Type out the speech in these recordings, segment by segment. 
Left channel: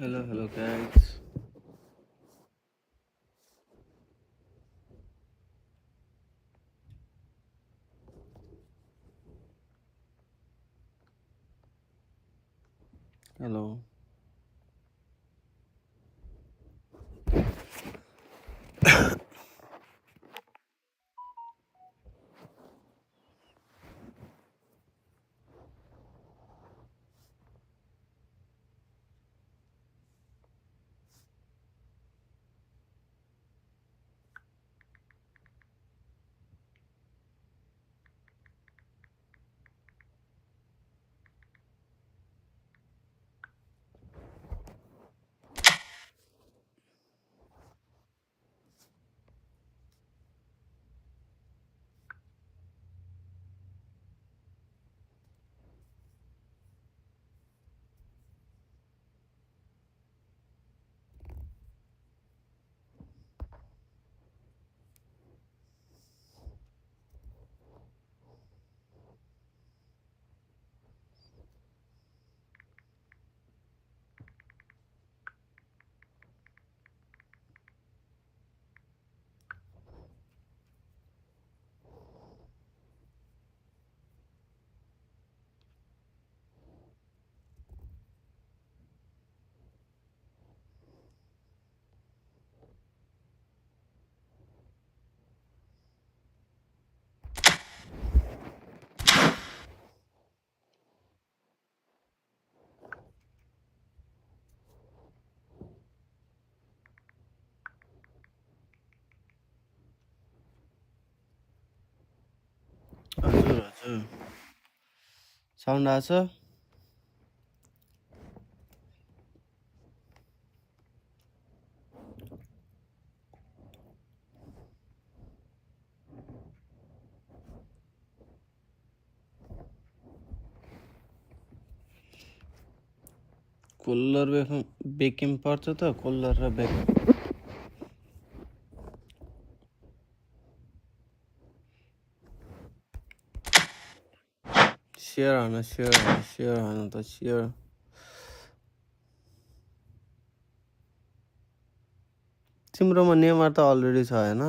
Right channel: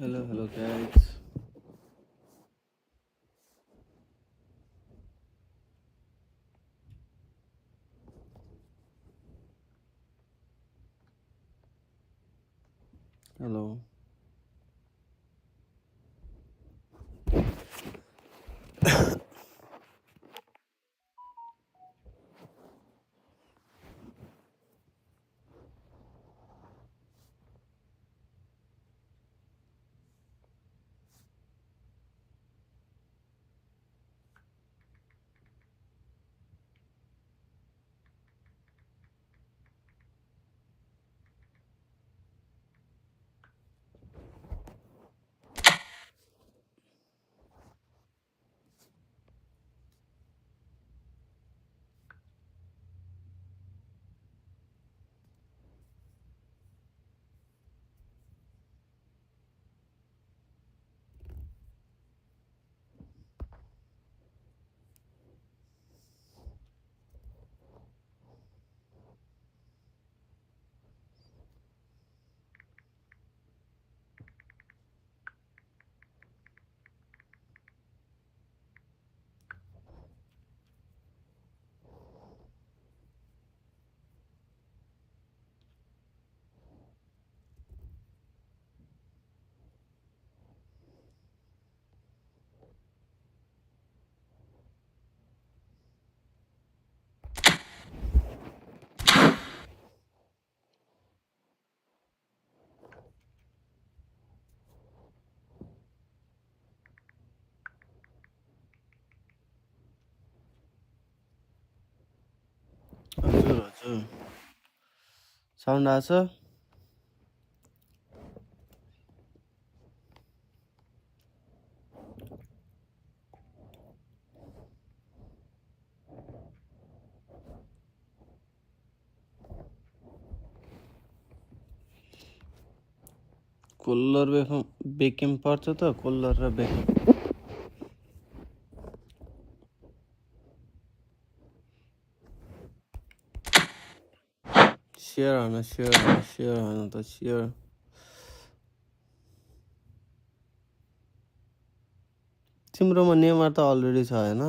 Hello guys. Hello. हजुर sound आछ Kohler बेकिम पर्छ त कोल्लर र बेकिम शेयर हान त शेयर तिम्रोमा नेमर त अलरेडी छ हैन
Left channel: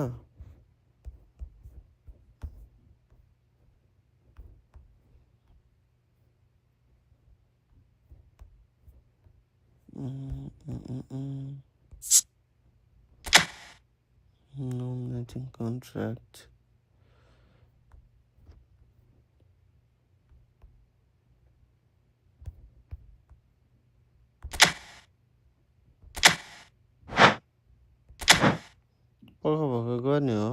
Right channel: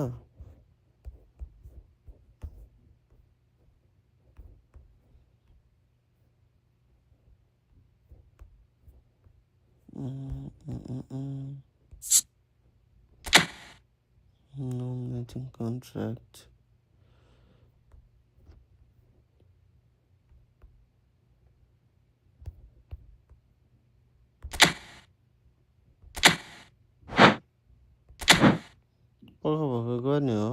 nominating contract भर्खर गर्ने हो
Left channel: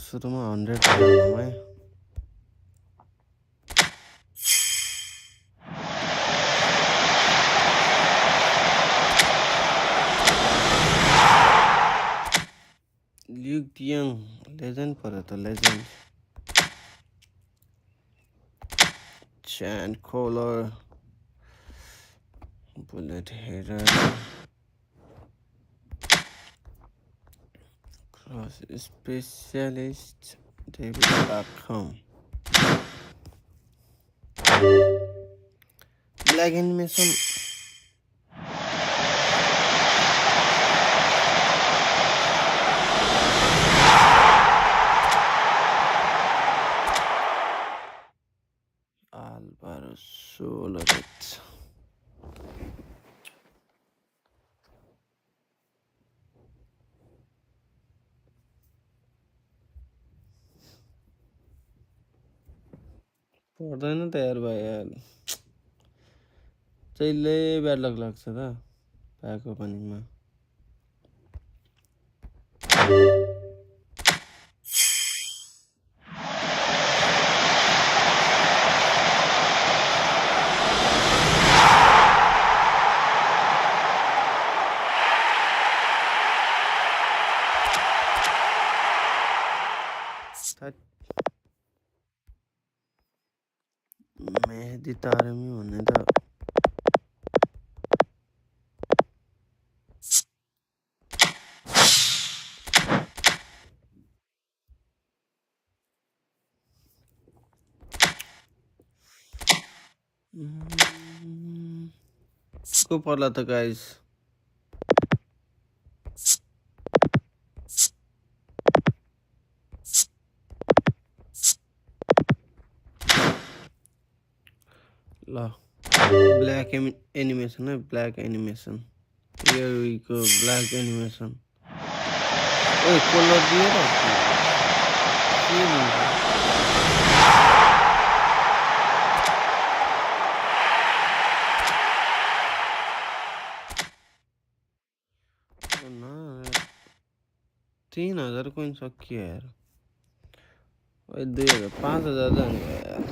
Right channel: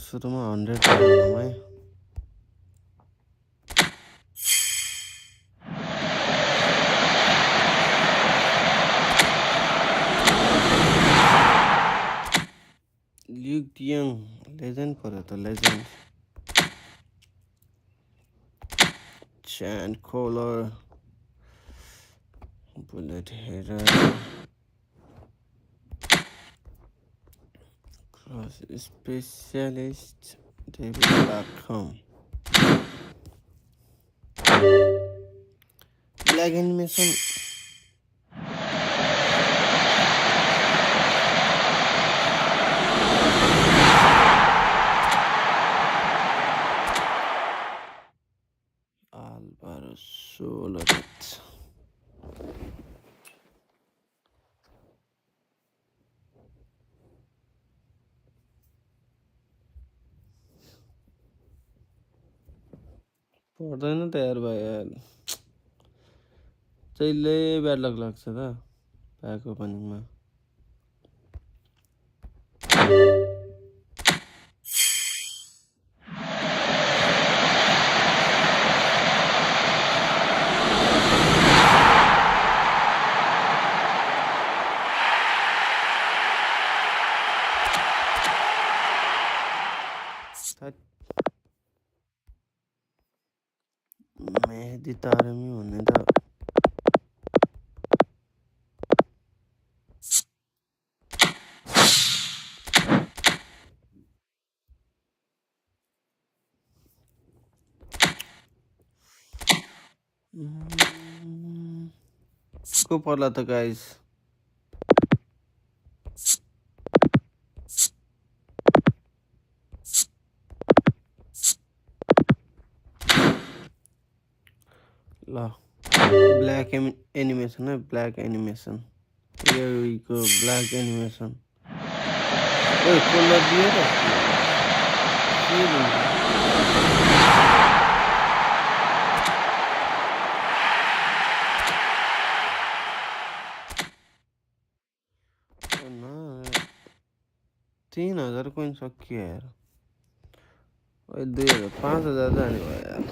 सुरुमा 100 हाल्नुमा है ल्युक डियङ लेजेन्ड पर्यो त legend Chant koller bullet header cross specialist David Beckham black animation Alvaro Soledad पर्दैन त यार भाइ यार जहिले ब्याड लक लाग्छ त प्याक ओपनिङमा मेहदी तारमी भन्ने त को पर्ला त गाइस ल ब्ल्याक एनिमेसन है ब्ल्याक एनिमेसन यो ब्ल्याक एनिमेसन ओए कोलर दियो र के दिन्छ न 3000 कोइन सकियो यार ओए 2000 5000 जाने भयो यार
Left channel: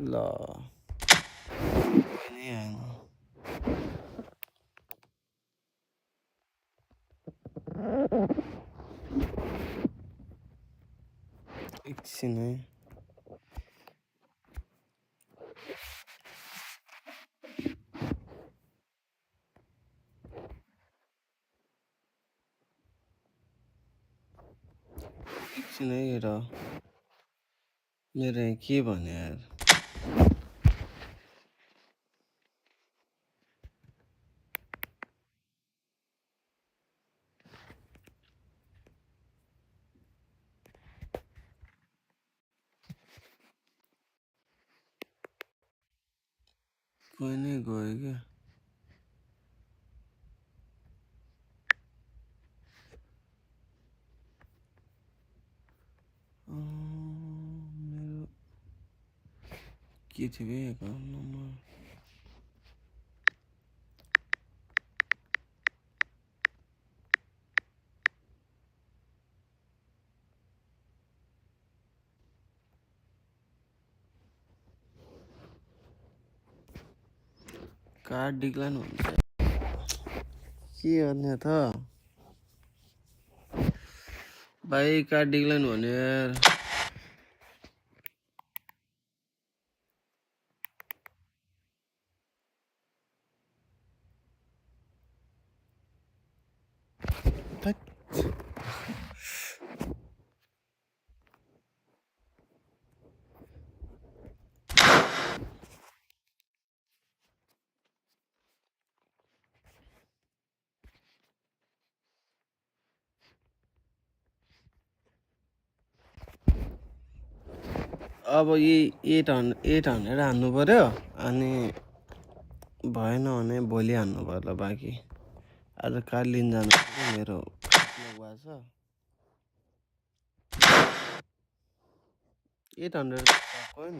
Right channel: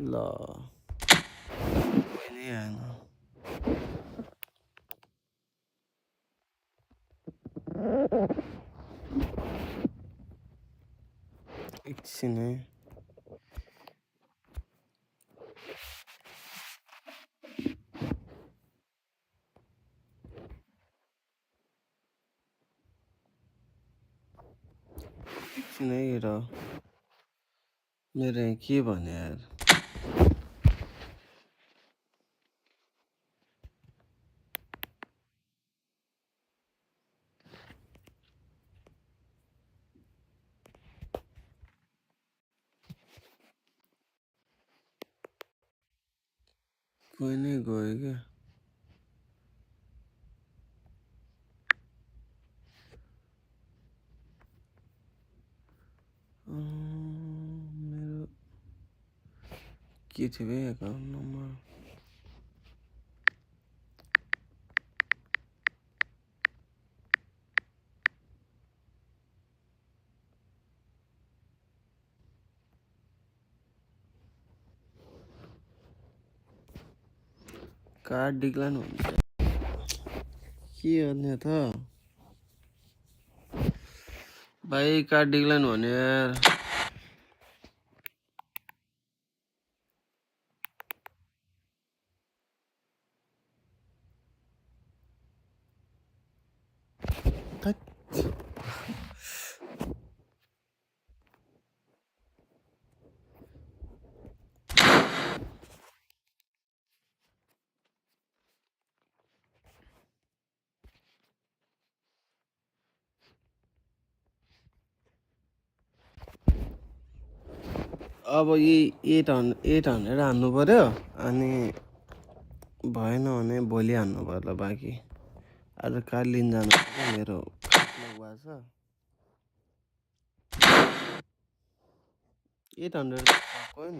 ल एकछिन है एकछिन है र मेरो के भने यार कोही नै गयो क्या मेरो के थियो बे एकाउन्ट नम्बर कार्ड डिक्लाइन हुन्छ के गर्ने त भाइ कार्ड डिक्लाइन भने यार अब यही 800 हान्नु पर्यो अनि भएन भने भोलि हान्नु पर्ला बाँकी आज कार्ड लिन जानु पर्यो मेरो कार्ड लक भएको छ 800 कोइन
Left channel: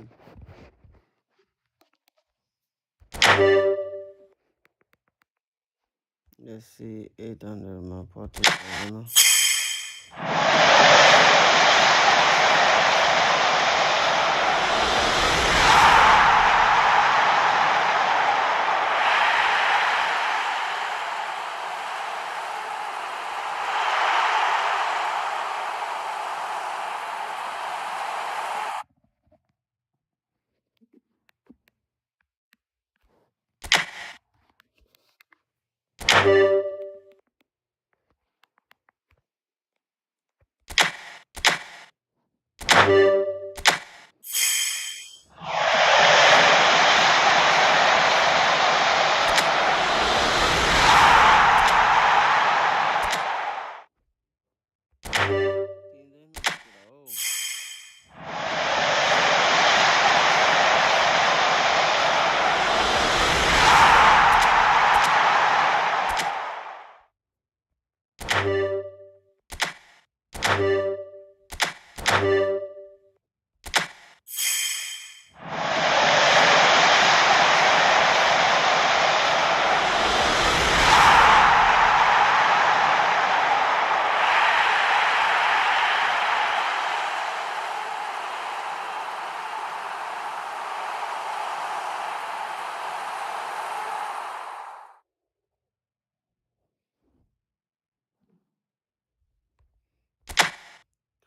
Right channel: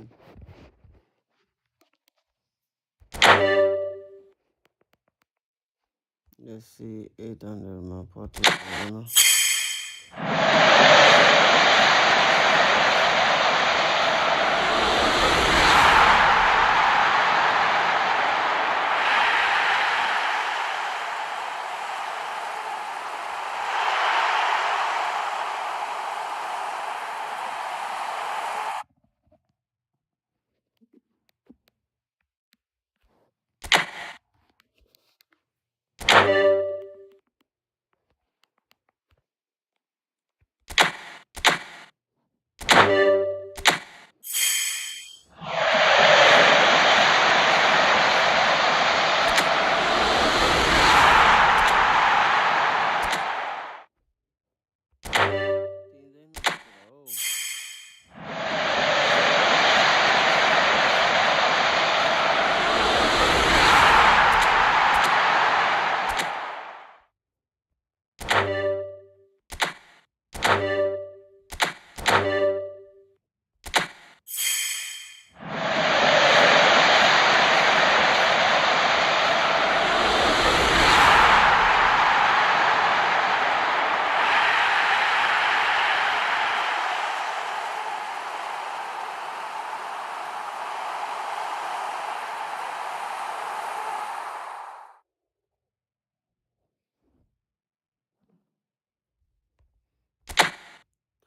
यसै 800 मा 25 भएन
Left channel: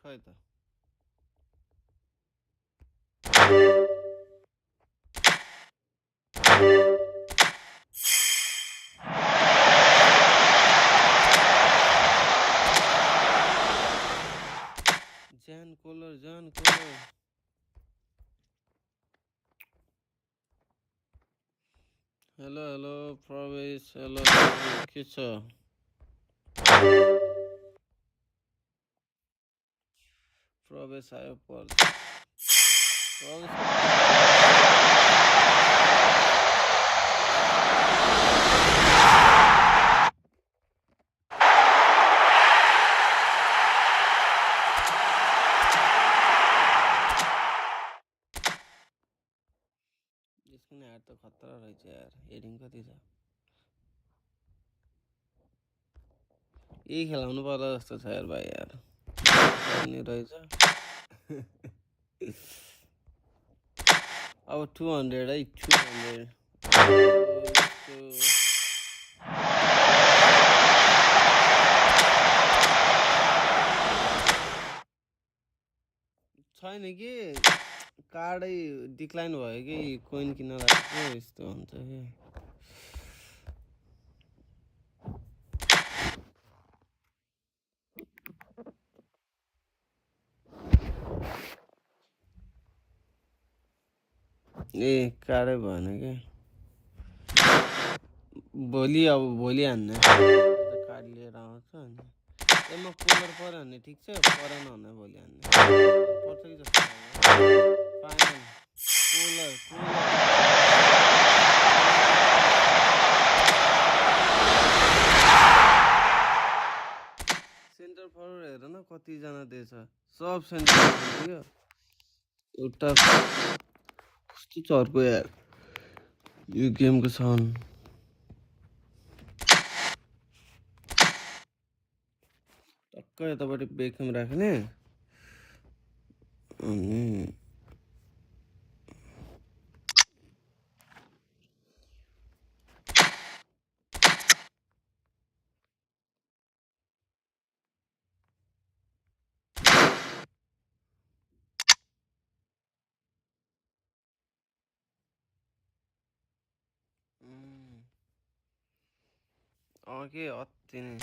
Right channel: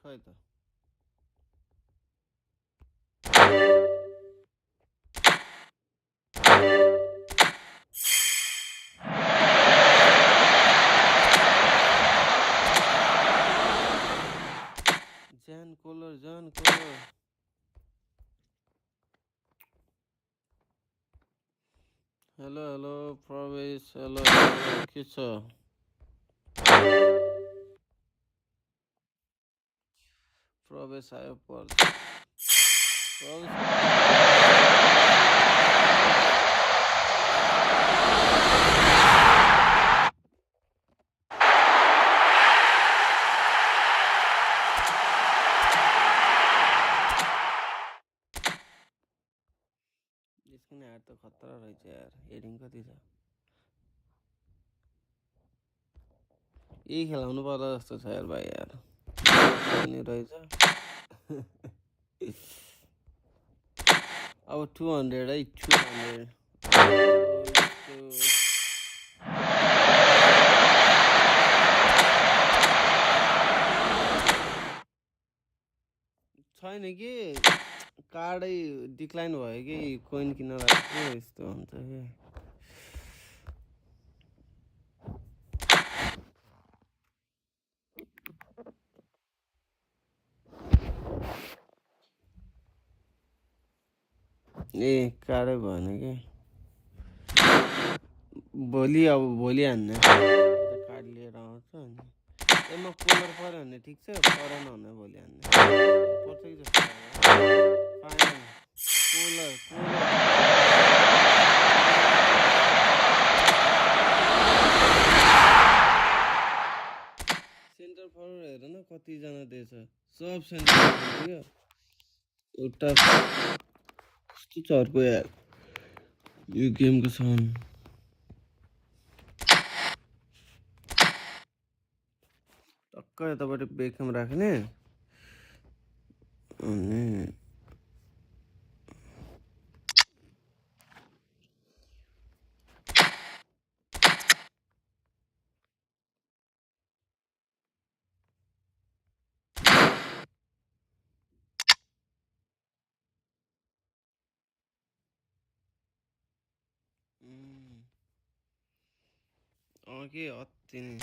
खै त कोलर हेलो हेलो प्रवेश हेलो हेलो के छ प्रवेश आयो यसको यार त खतरा रहेछ यार हेडिङ कति छ यही खेलाउनु पर्ला जस्तो छ यार भाइ यार नि रहेछ अब 200 है 200 छैन कि कार्डै डिक्लाइन भयो कि कोइन किन्न लाग्यो यस्तो हुन्छ कि ए कार्डै भएन कि भोलि हान्ने कार्ड लिएर आउँछ अनि म कोलर पऱ्यो भने ठिक छ परेन भने भोलि हान्ने पर्छ कि जस्तो लाग्यो फाइनल कोलर सेन्टर फरवर्ड हेर न कतिजना दिएछ सब सेन्टर फरवर्ड एउटा कस्तो चर्को यार यो गेमको साउन्ड टक्क यतापट्टि बेकम राख्ने अनि के अति नै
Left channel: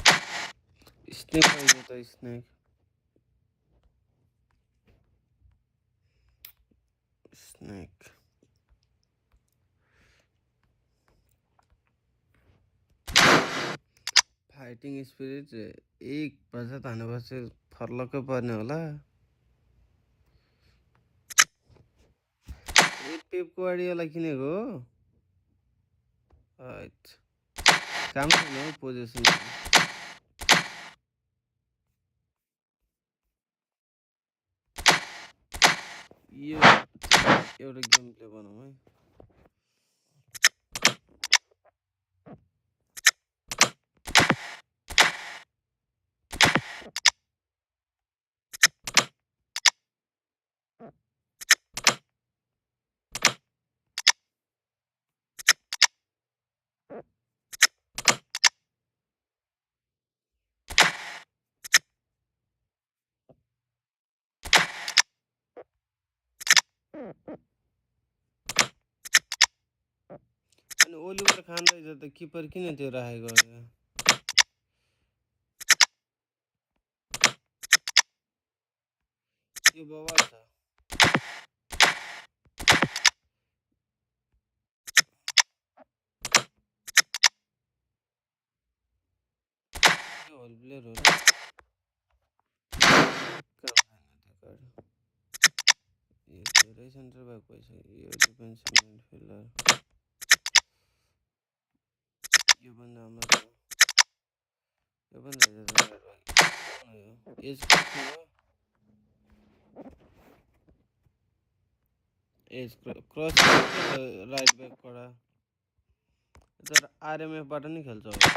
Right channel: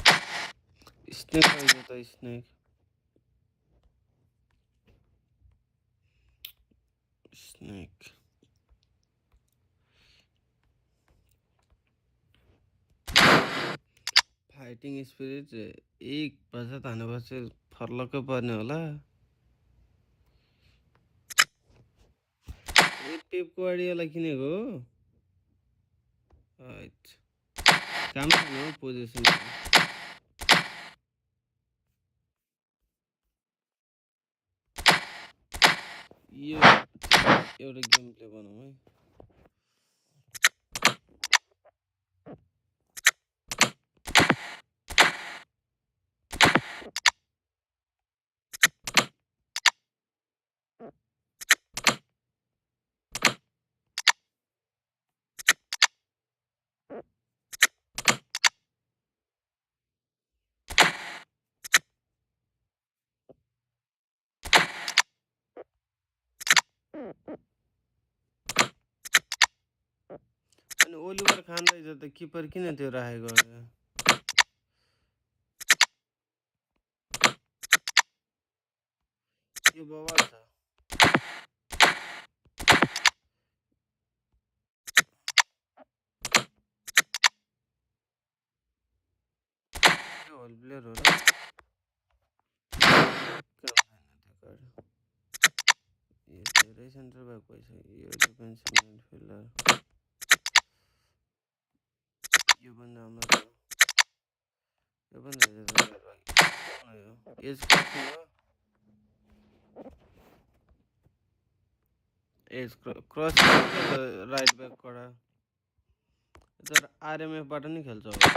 स्नेक आइगयो त स्नेक फाइटिङ स्पिरिट 1 बजा तानेपछि फर्लक्कै पर्ने होला पेपको वाला किनेको हो काम छैन हौ पोजिसन यो एउटा गेम प्ले बनाऊ है अनि ओलिभर खान रहेछ त किपर किन त्यो राखेको यो बवाल छ यो होल प्लेयर हो र यो धेरै सेन्टर ब्याक भइछ यो डिफेन्सिभ मिडफिल्डर यो पनि राम्रो छ यो पनि रहेछ एज क्रसिङ हो एज क्रसिङ के त राइट ब्याक कडा तर आरएमएफ बाट नि खेल्छ होला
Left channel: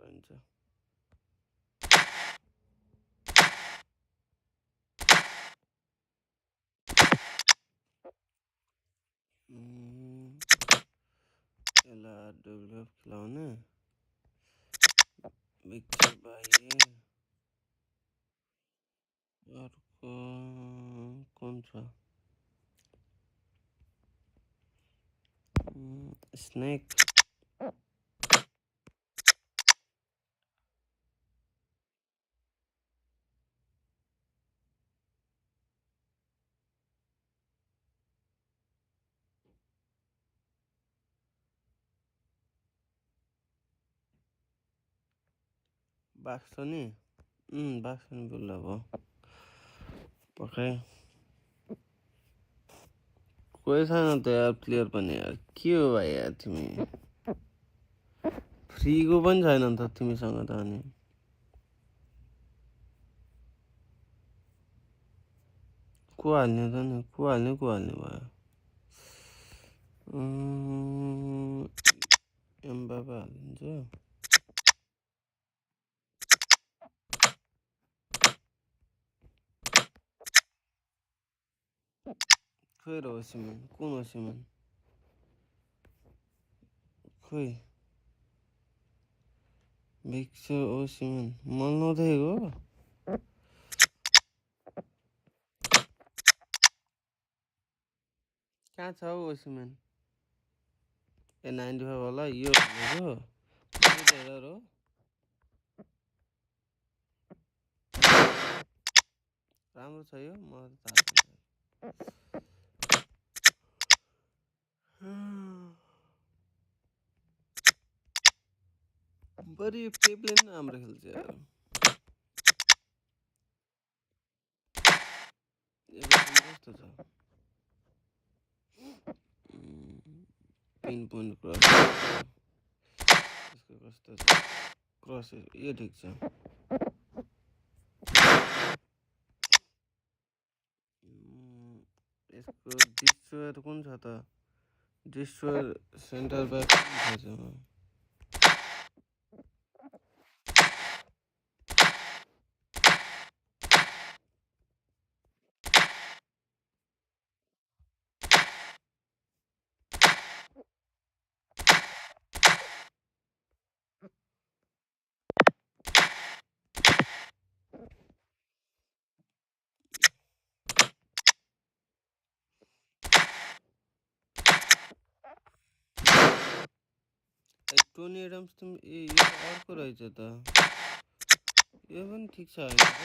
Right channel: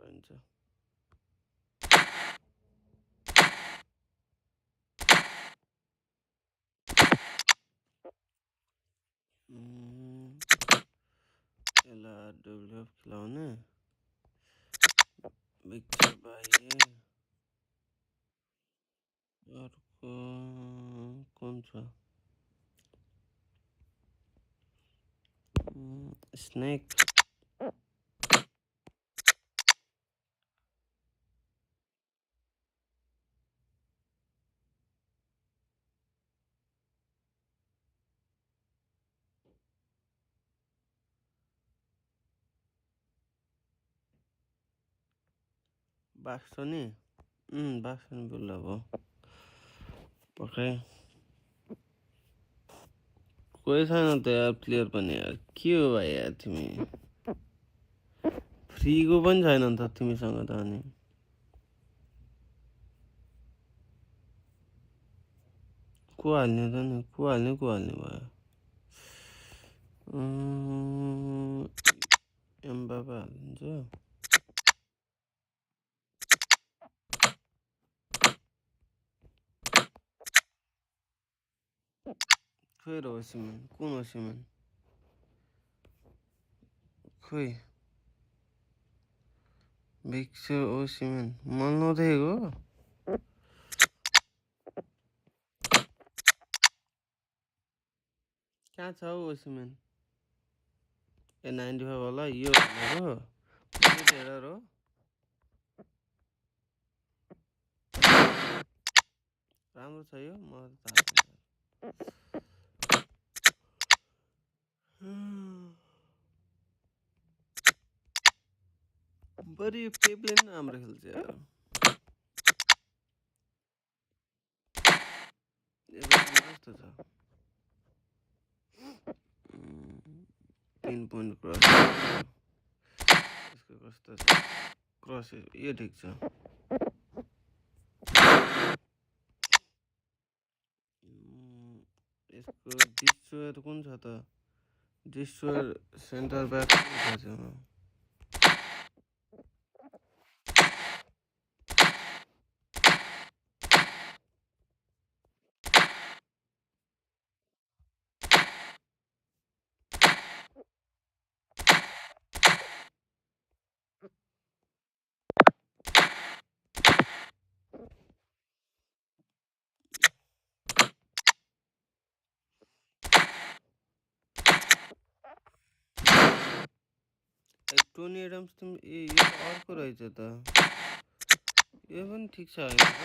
रहन्छ यसलाई डेभलप खिलाउने विक्टर भाइ अर्को कुन छ स्नेक बाक्सो नि बाक्सो नि बोल्दा भयो पक्कै कोही छैन त यार प्लेयर पनि यार के हो भाइ यार तिमी फ्रीको पनि छैन नि त तिमीसँग त अनि को हाल्ने त नि को हाल्ने भयो एम्बापे हालिदिन्छ खोइ र ओसिमन कुन ओसिमन खोइ भिक्टर ओसिमन मैले नदेखेको कहाँ छ हौ ओसिमन ए 95 होला यो भनेको टेरर हो राम्रो छ यो मलाई थाहा छैन बरी पेपले पनि राम्रो खेल्छ यार एभर्टन कस्तो छ 3 पोइन्ट क्रस यसको कस्तो छ क्रस यो ठिक छ यसको डिस्ट्रोयर कुन छ त डिस्ट्रोयर सेन्टर ब्याक कुन छ टोनी एडम्स तिमी ए यो त अर्को रहेछ त यो पनि ठिक छ होइन र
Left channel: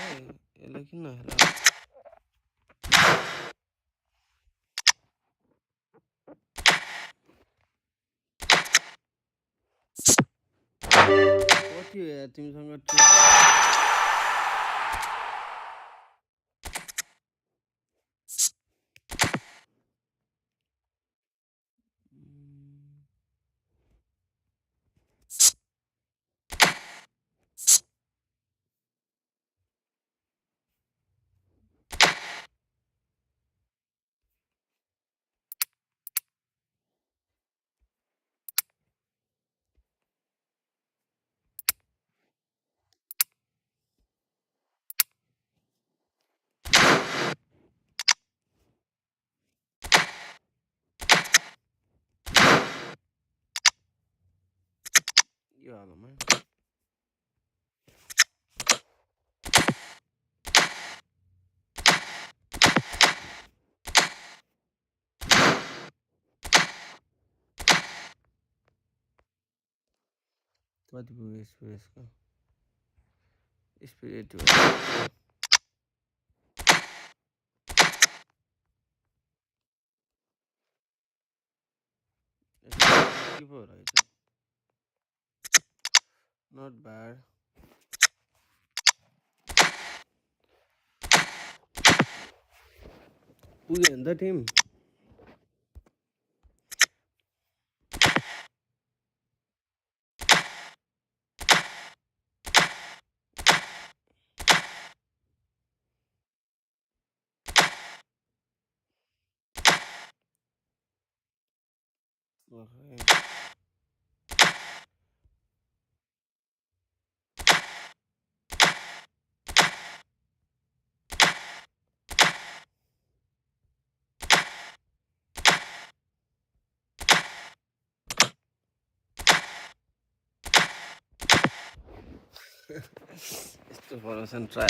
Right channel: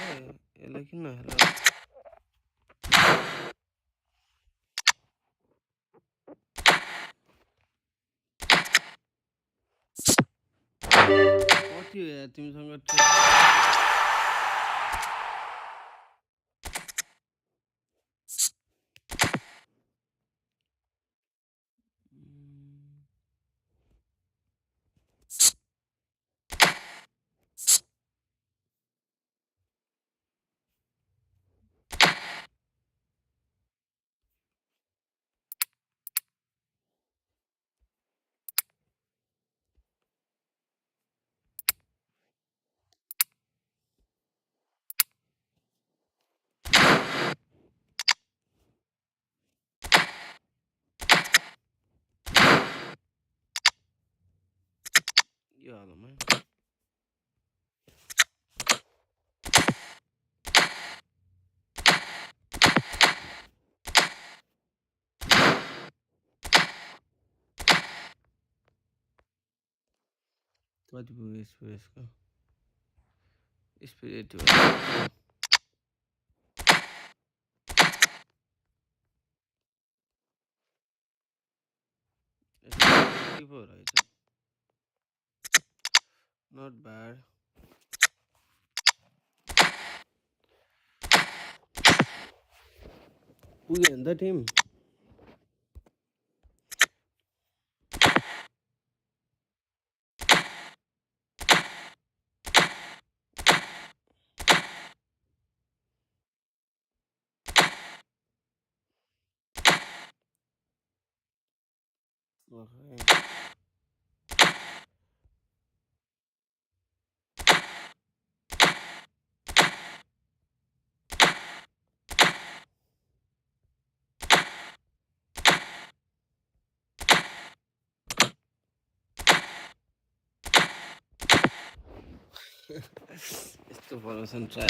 यसलाई किन हेर कति हो यार तिमीसँग यो हालमा कति पुग्यो यसको स्पिरिट के पो रहेछ नट ब्याड पुग्यो नि त टिम यस्तो फर्मेसन ट्राई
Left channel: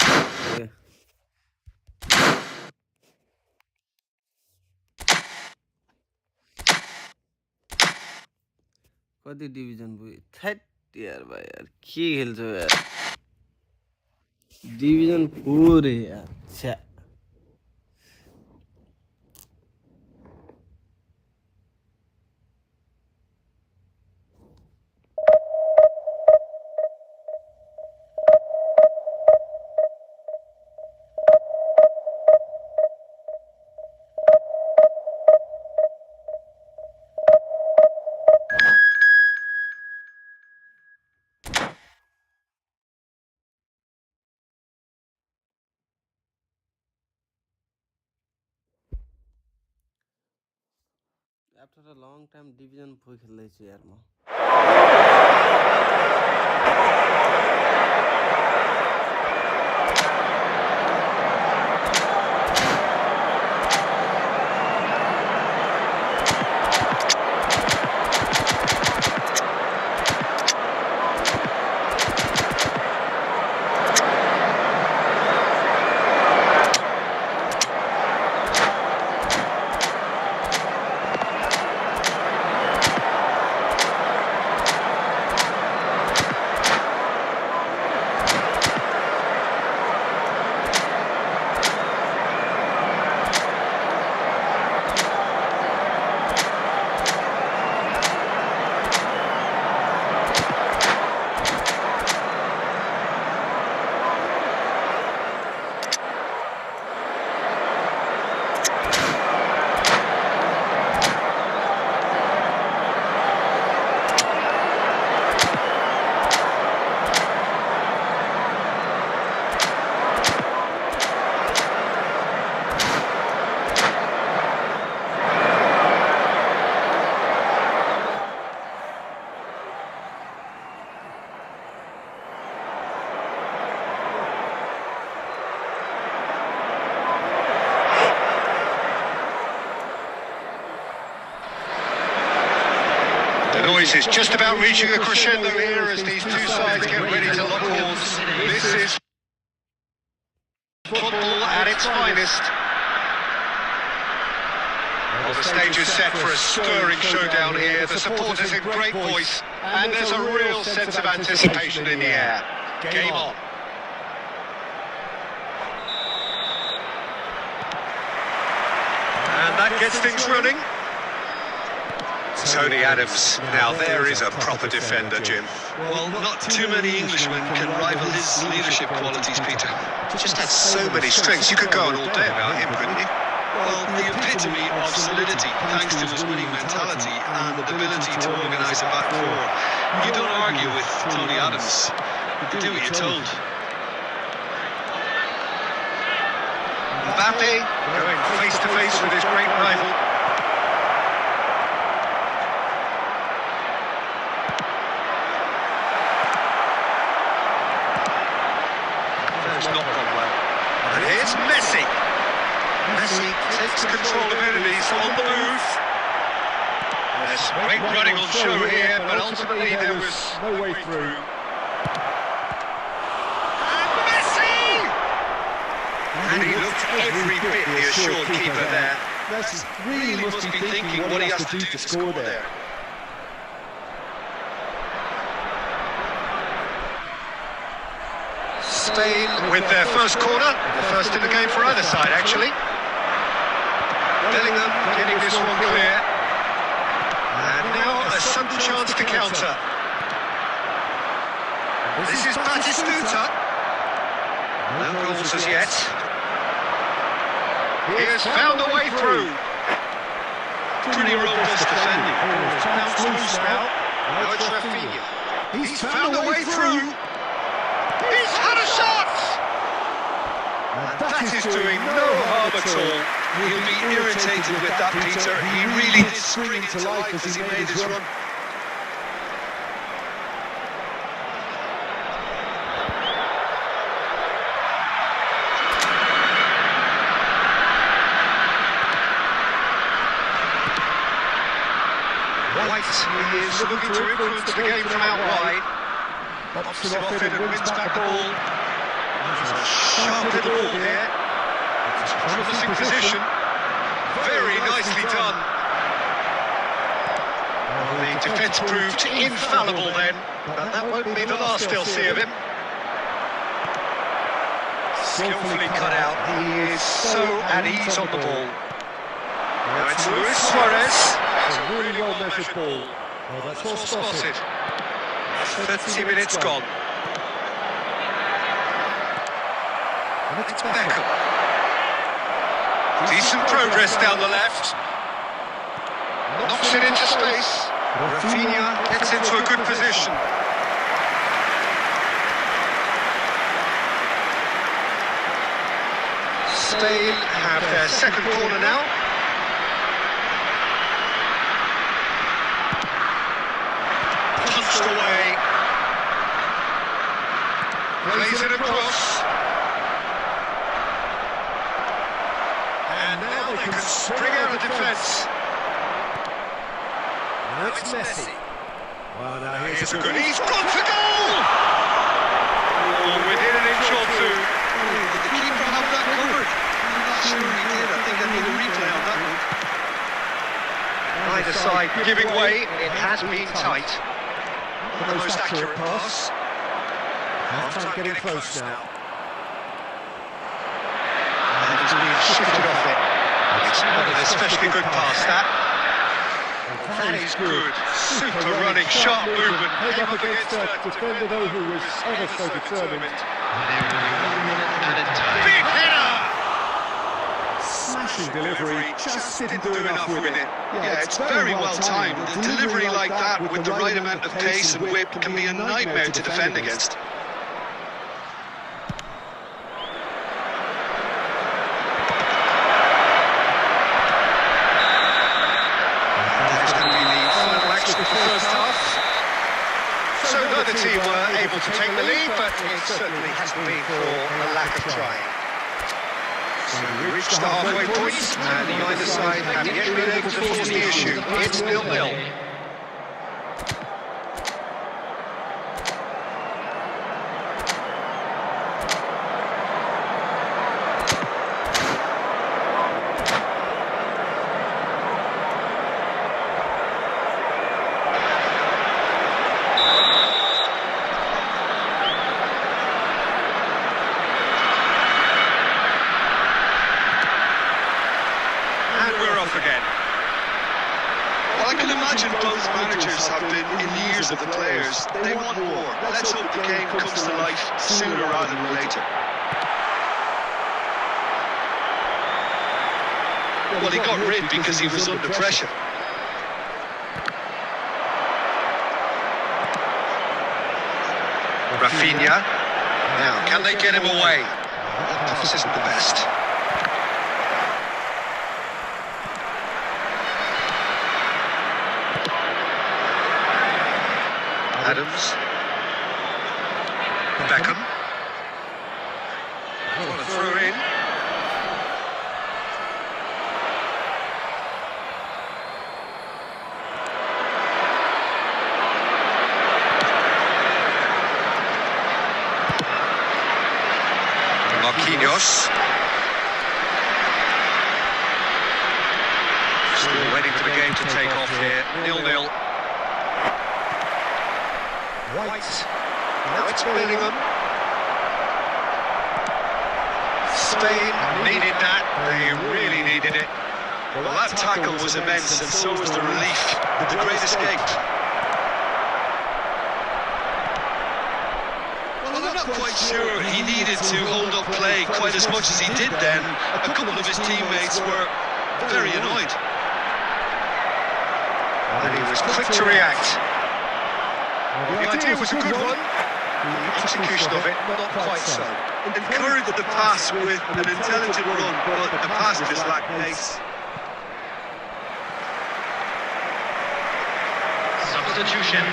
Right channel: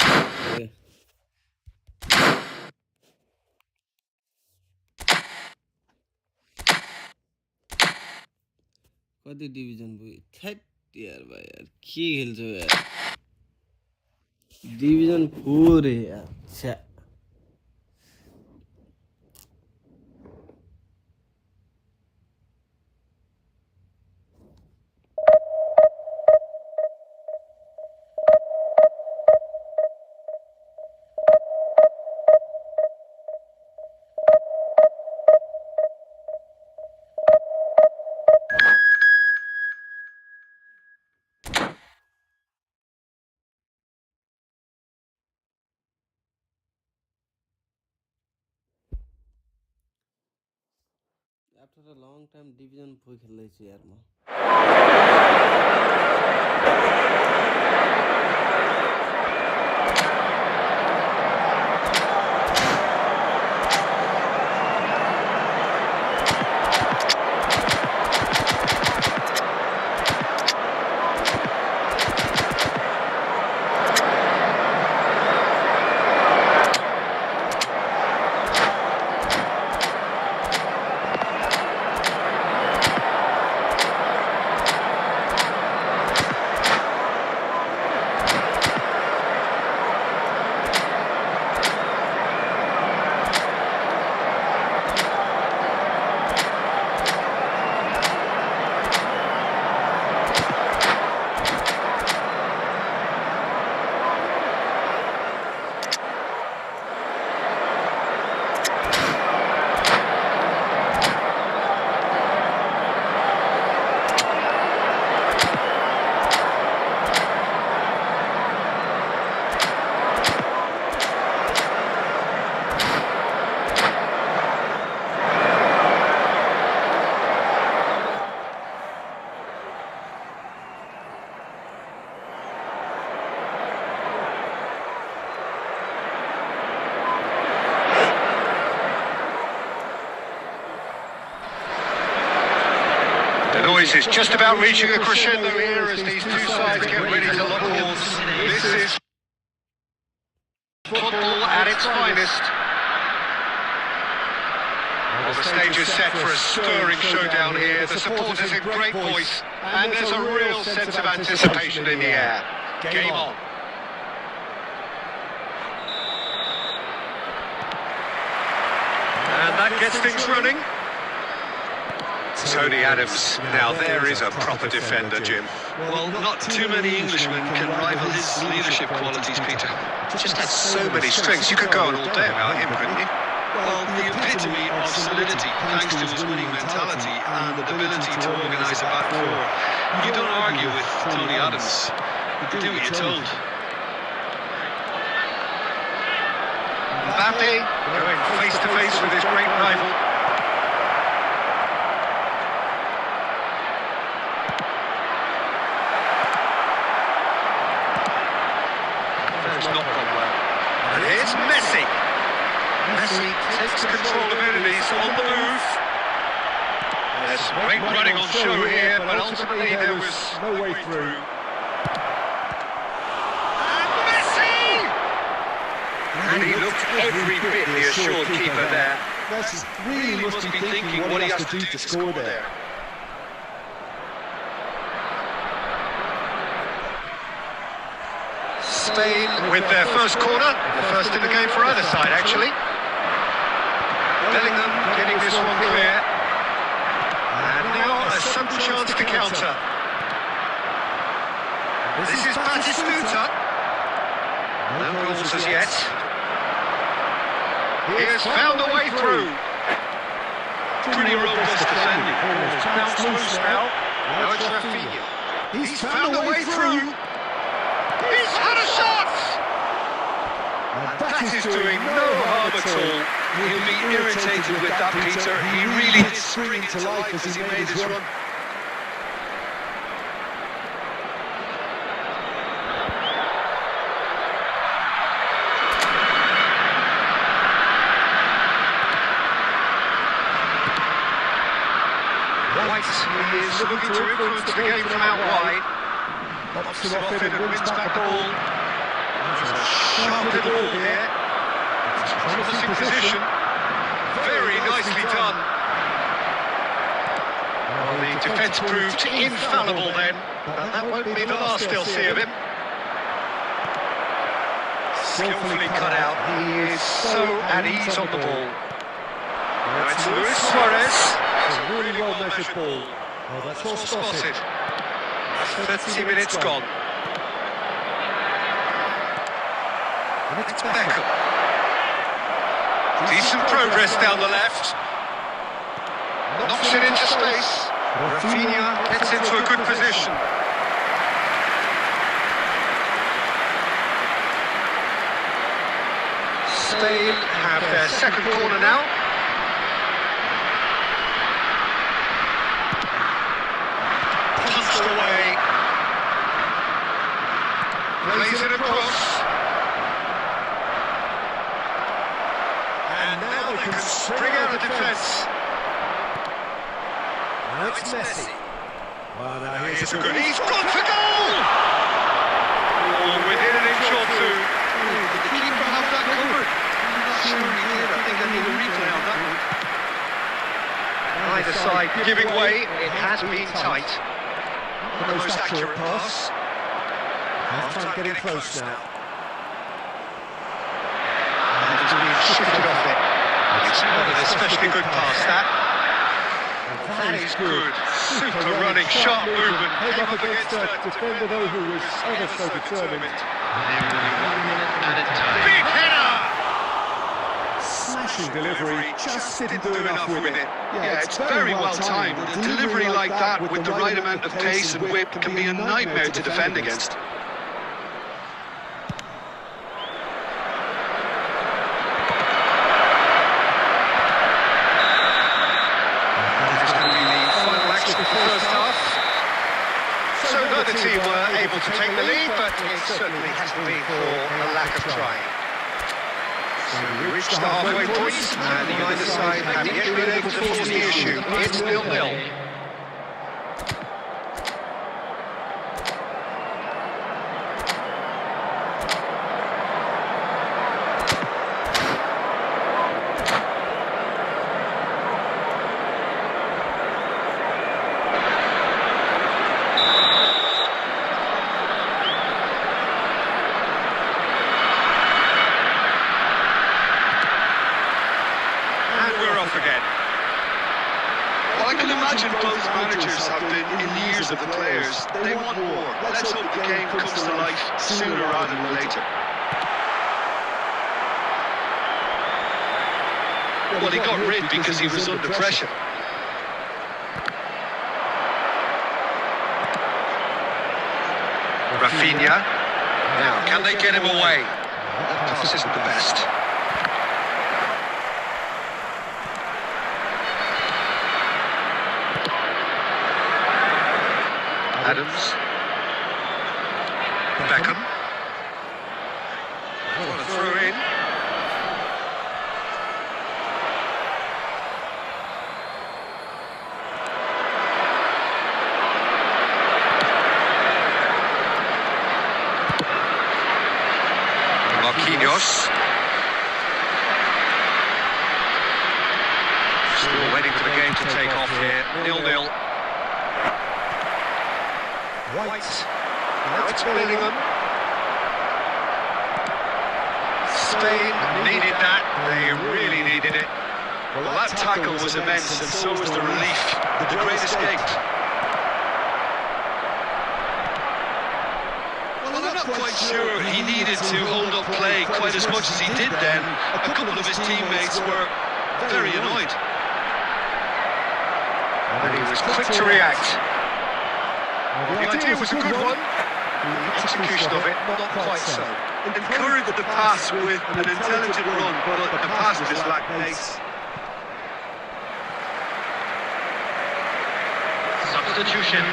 कति डिभिजन पुग्यो थ्याट यार भाइ यार के खेल्छौ यार डिभिजन 4 यार छ्या After a long time division भूल खेल रही यार मैं noise is just about reaching a crescendo here as these two sides get ready to lock horns. This is football at its finest. Well, the stage is set for a stirring showdown here. The supporters in great voice, and there's a real sense of anticipation in the air. Game on. And that gets things running. Tony Adams, now there is a proper defender, Jim. Well, not too many Englishmen can rival his leadership qualities, Peter. Just has so many strengths. You could go all day about him, couldn't you? Well, the epitome of solidity, thanks to his winning mentality and ability to organise a back four. You don't argue with Tony Adams. You do what you're told. Mbappe going face to face with his great rival. And here's Messi. Messi takes control of it, he's on the move. There's great running on show here, but ultimately there was no way through. And Messi! And he looked every bit the assured keeper there. Messi really must be thinking what he has to do to score there. Spain with their first corner, the first in the game for either side, actually. Bellingham getting this one clear. And now a sudden chance to counter. This is Batistuta. No goals as yet. He's found the way through. Pretty robust defending. Oh, his chance loose now. Now it's Rafinha. He's found the way through. He's had a shot! And that is doing no harm at all. He'll be irritated with that, Peter. He really did spring into life as he made his run. White is looking to influence the game from out wide. Bops it off it and wins back the ball. There's a sharp hit of ball here. It's a promising position. Very nicely done. Well, the defence proved infallible then, but that won't be the last they'll see of him. Skillfully cut out. He is so at ease on the ball. Now it's Luis Suarez. It's a really well measured ball. Oh, that's well spotted. 30 minutes gone. And it's Beckham. Decent progress down the left. Knocks it into space. Rafinha gets into a good position. Spain have their second corner now. pushed away. Plays it across. And now they can spring out of defence. Now it's Messi. Well, now here's a good... He's got it! Goal! Oh, we're getting short through. The keeper got that covered. Either side giving way. It has been tight. The most accurate pass. Half-time getting close now. And it's not especially good pass, that. That is good. Super running, sharp movement. Came up against a defender, though, who was ever so determined. Big header! Smashing delivery, just didn't do enough with it. Yeah, it's very well timed. A delivery like that with the right amount of pace and whip can be a nightmare to defend against. The first half. So neither team were able to take the lead, but it certainly hasn't been for a lack of trying. So we reached the halfway point, and either side have yet been able to force the issue. It's 0-0. I can imagine both managers have been in the ears of the players. They want more. Let's hope the game comes to life sooner rather than later. Well, he got rid because he was under pressure. Rafinha. Can they get him away? That pass is the best. Adams. Beckham. What a throw in. Marquinhos. Still waiting for the game to take off here. 0-0. White. Now it's Bellingham. Spain needed that. They really needed it. Well, that tackle was immense, and so was the relief. The great escape. Well, I'm not quite sure he needed to hold up play quite as much as he did then. A couple of his teammates were very annoyed. And he was quick to react. Well, the idea was a good one. The execution of it, not quite so. Encouraged the pass with an intelligent run, but the pass just lacked pace. Substitution.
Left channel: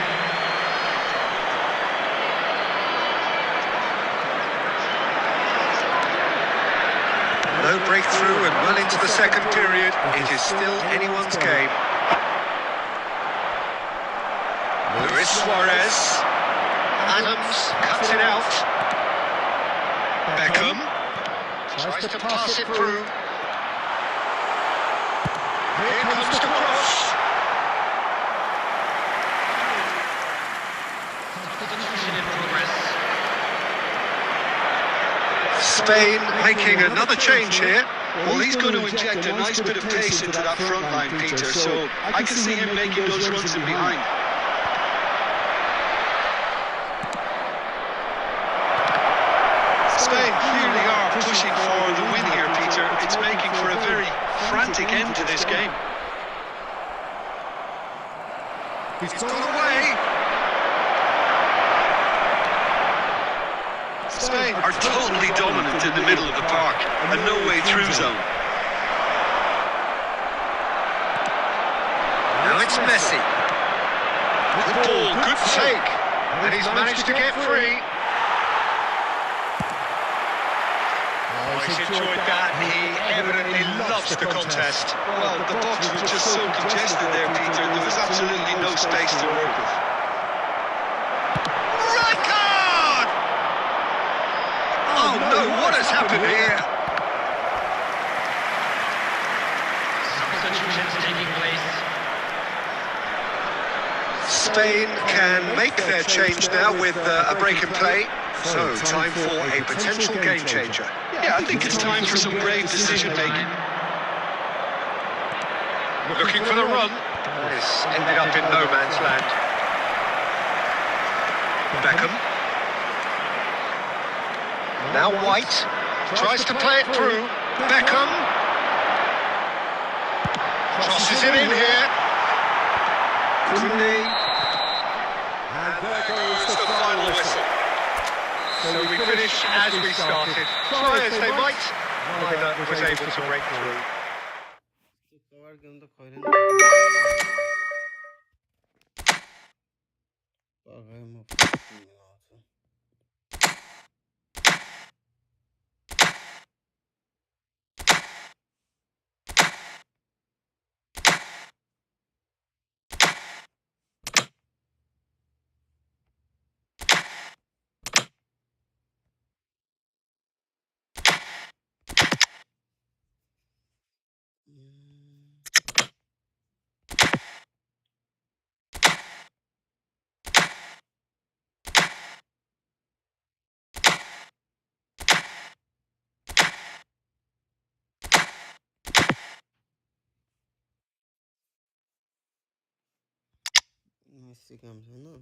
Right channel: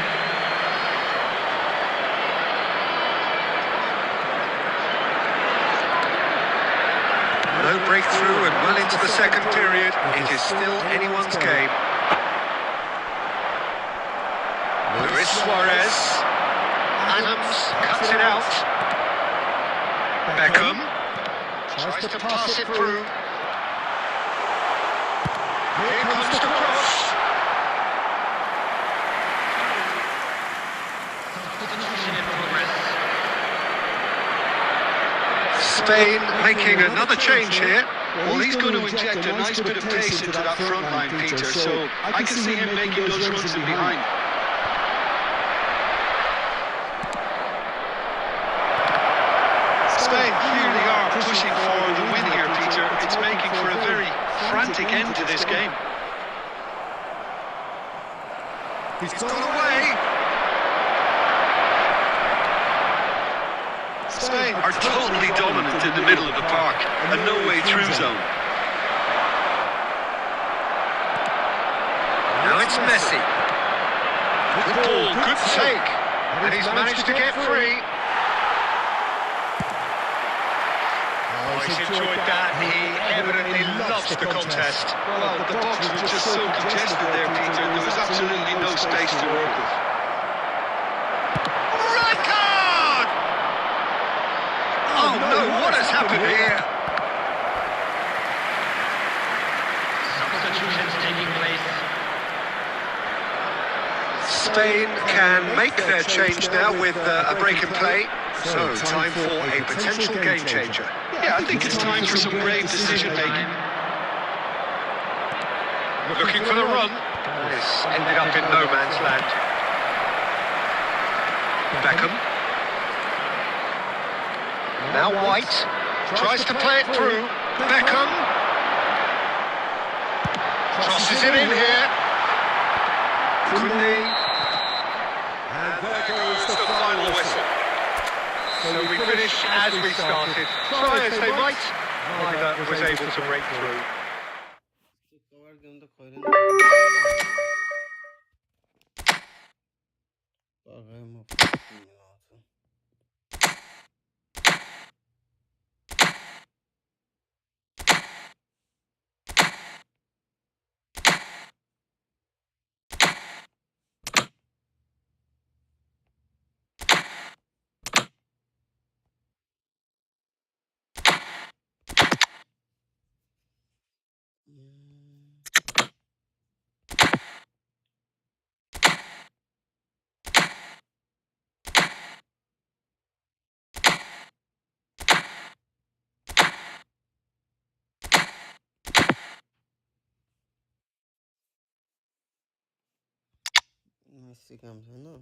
No breakthrough and well into the second period. It is still anyone's game. Luis Suarez. Adams cuts it out. Beckham tries to pass it through. Here comes the cross. Spain making another change here. Well, he's going to inject a nice bit of pace into that front line, Peter, so I can see him making those runs in behind. Spain really are pushing for the win here, Peter. It's making for a very Frantic end to this game. He's got away. Spain are totally dominant in the middle of the park and no way through zone. Now it's Messi. Good ball, good take. And he's managed to get free. Oh, he's enjoyed that. He evidently loves the contest. Well, the box was just so congested there, Peter. There was absolutely no space to work with. Oh no, what has happened here? Spain can make their change now with a break in play. So, time for a potential game changer. Yeah, I think it's time for some brave decision-making. Looking for the run. Yes, ended up in no man's land. Beckham. Now White. Tries to play it through. Beckham. Crosses it in here. Koundé. And there goes the final whistle. So we finish as we started. Try as they might, neither was able to break through. Cover game तो खोले Messi comes in, no?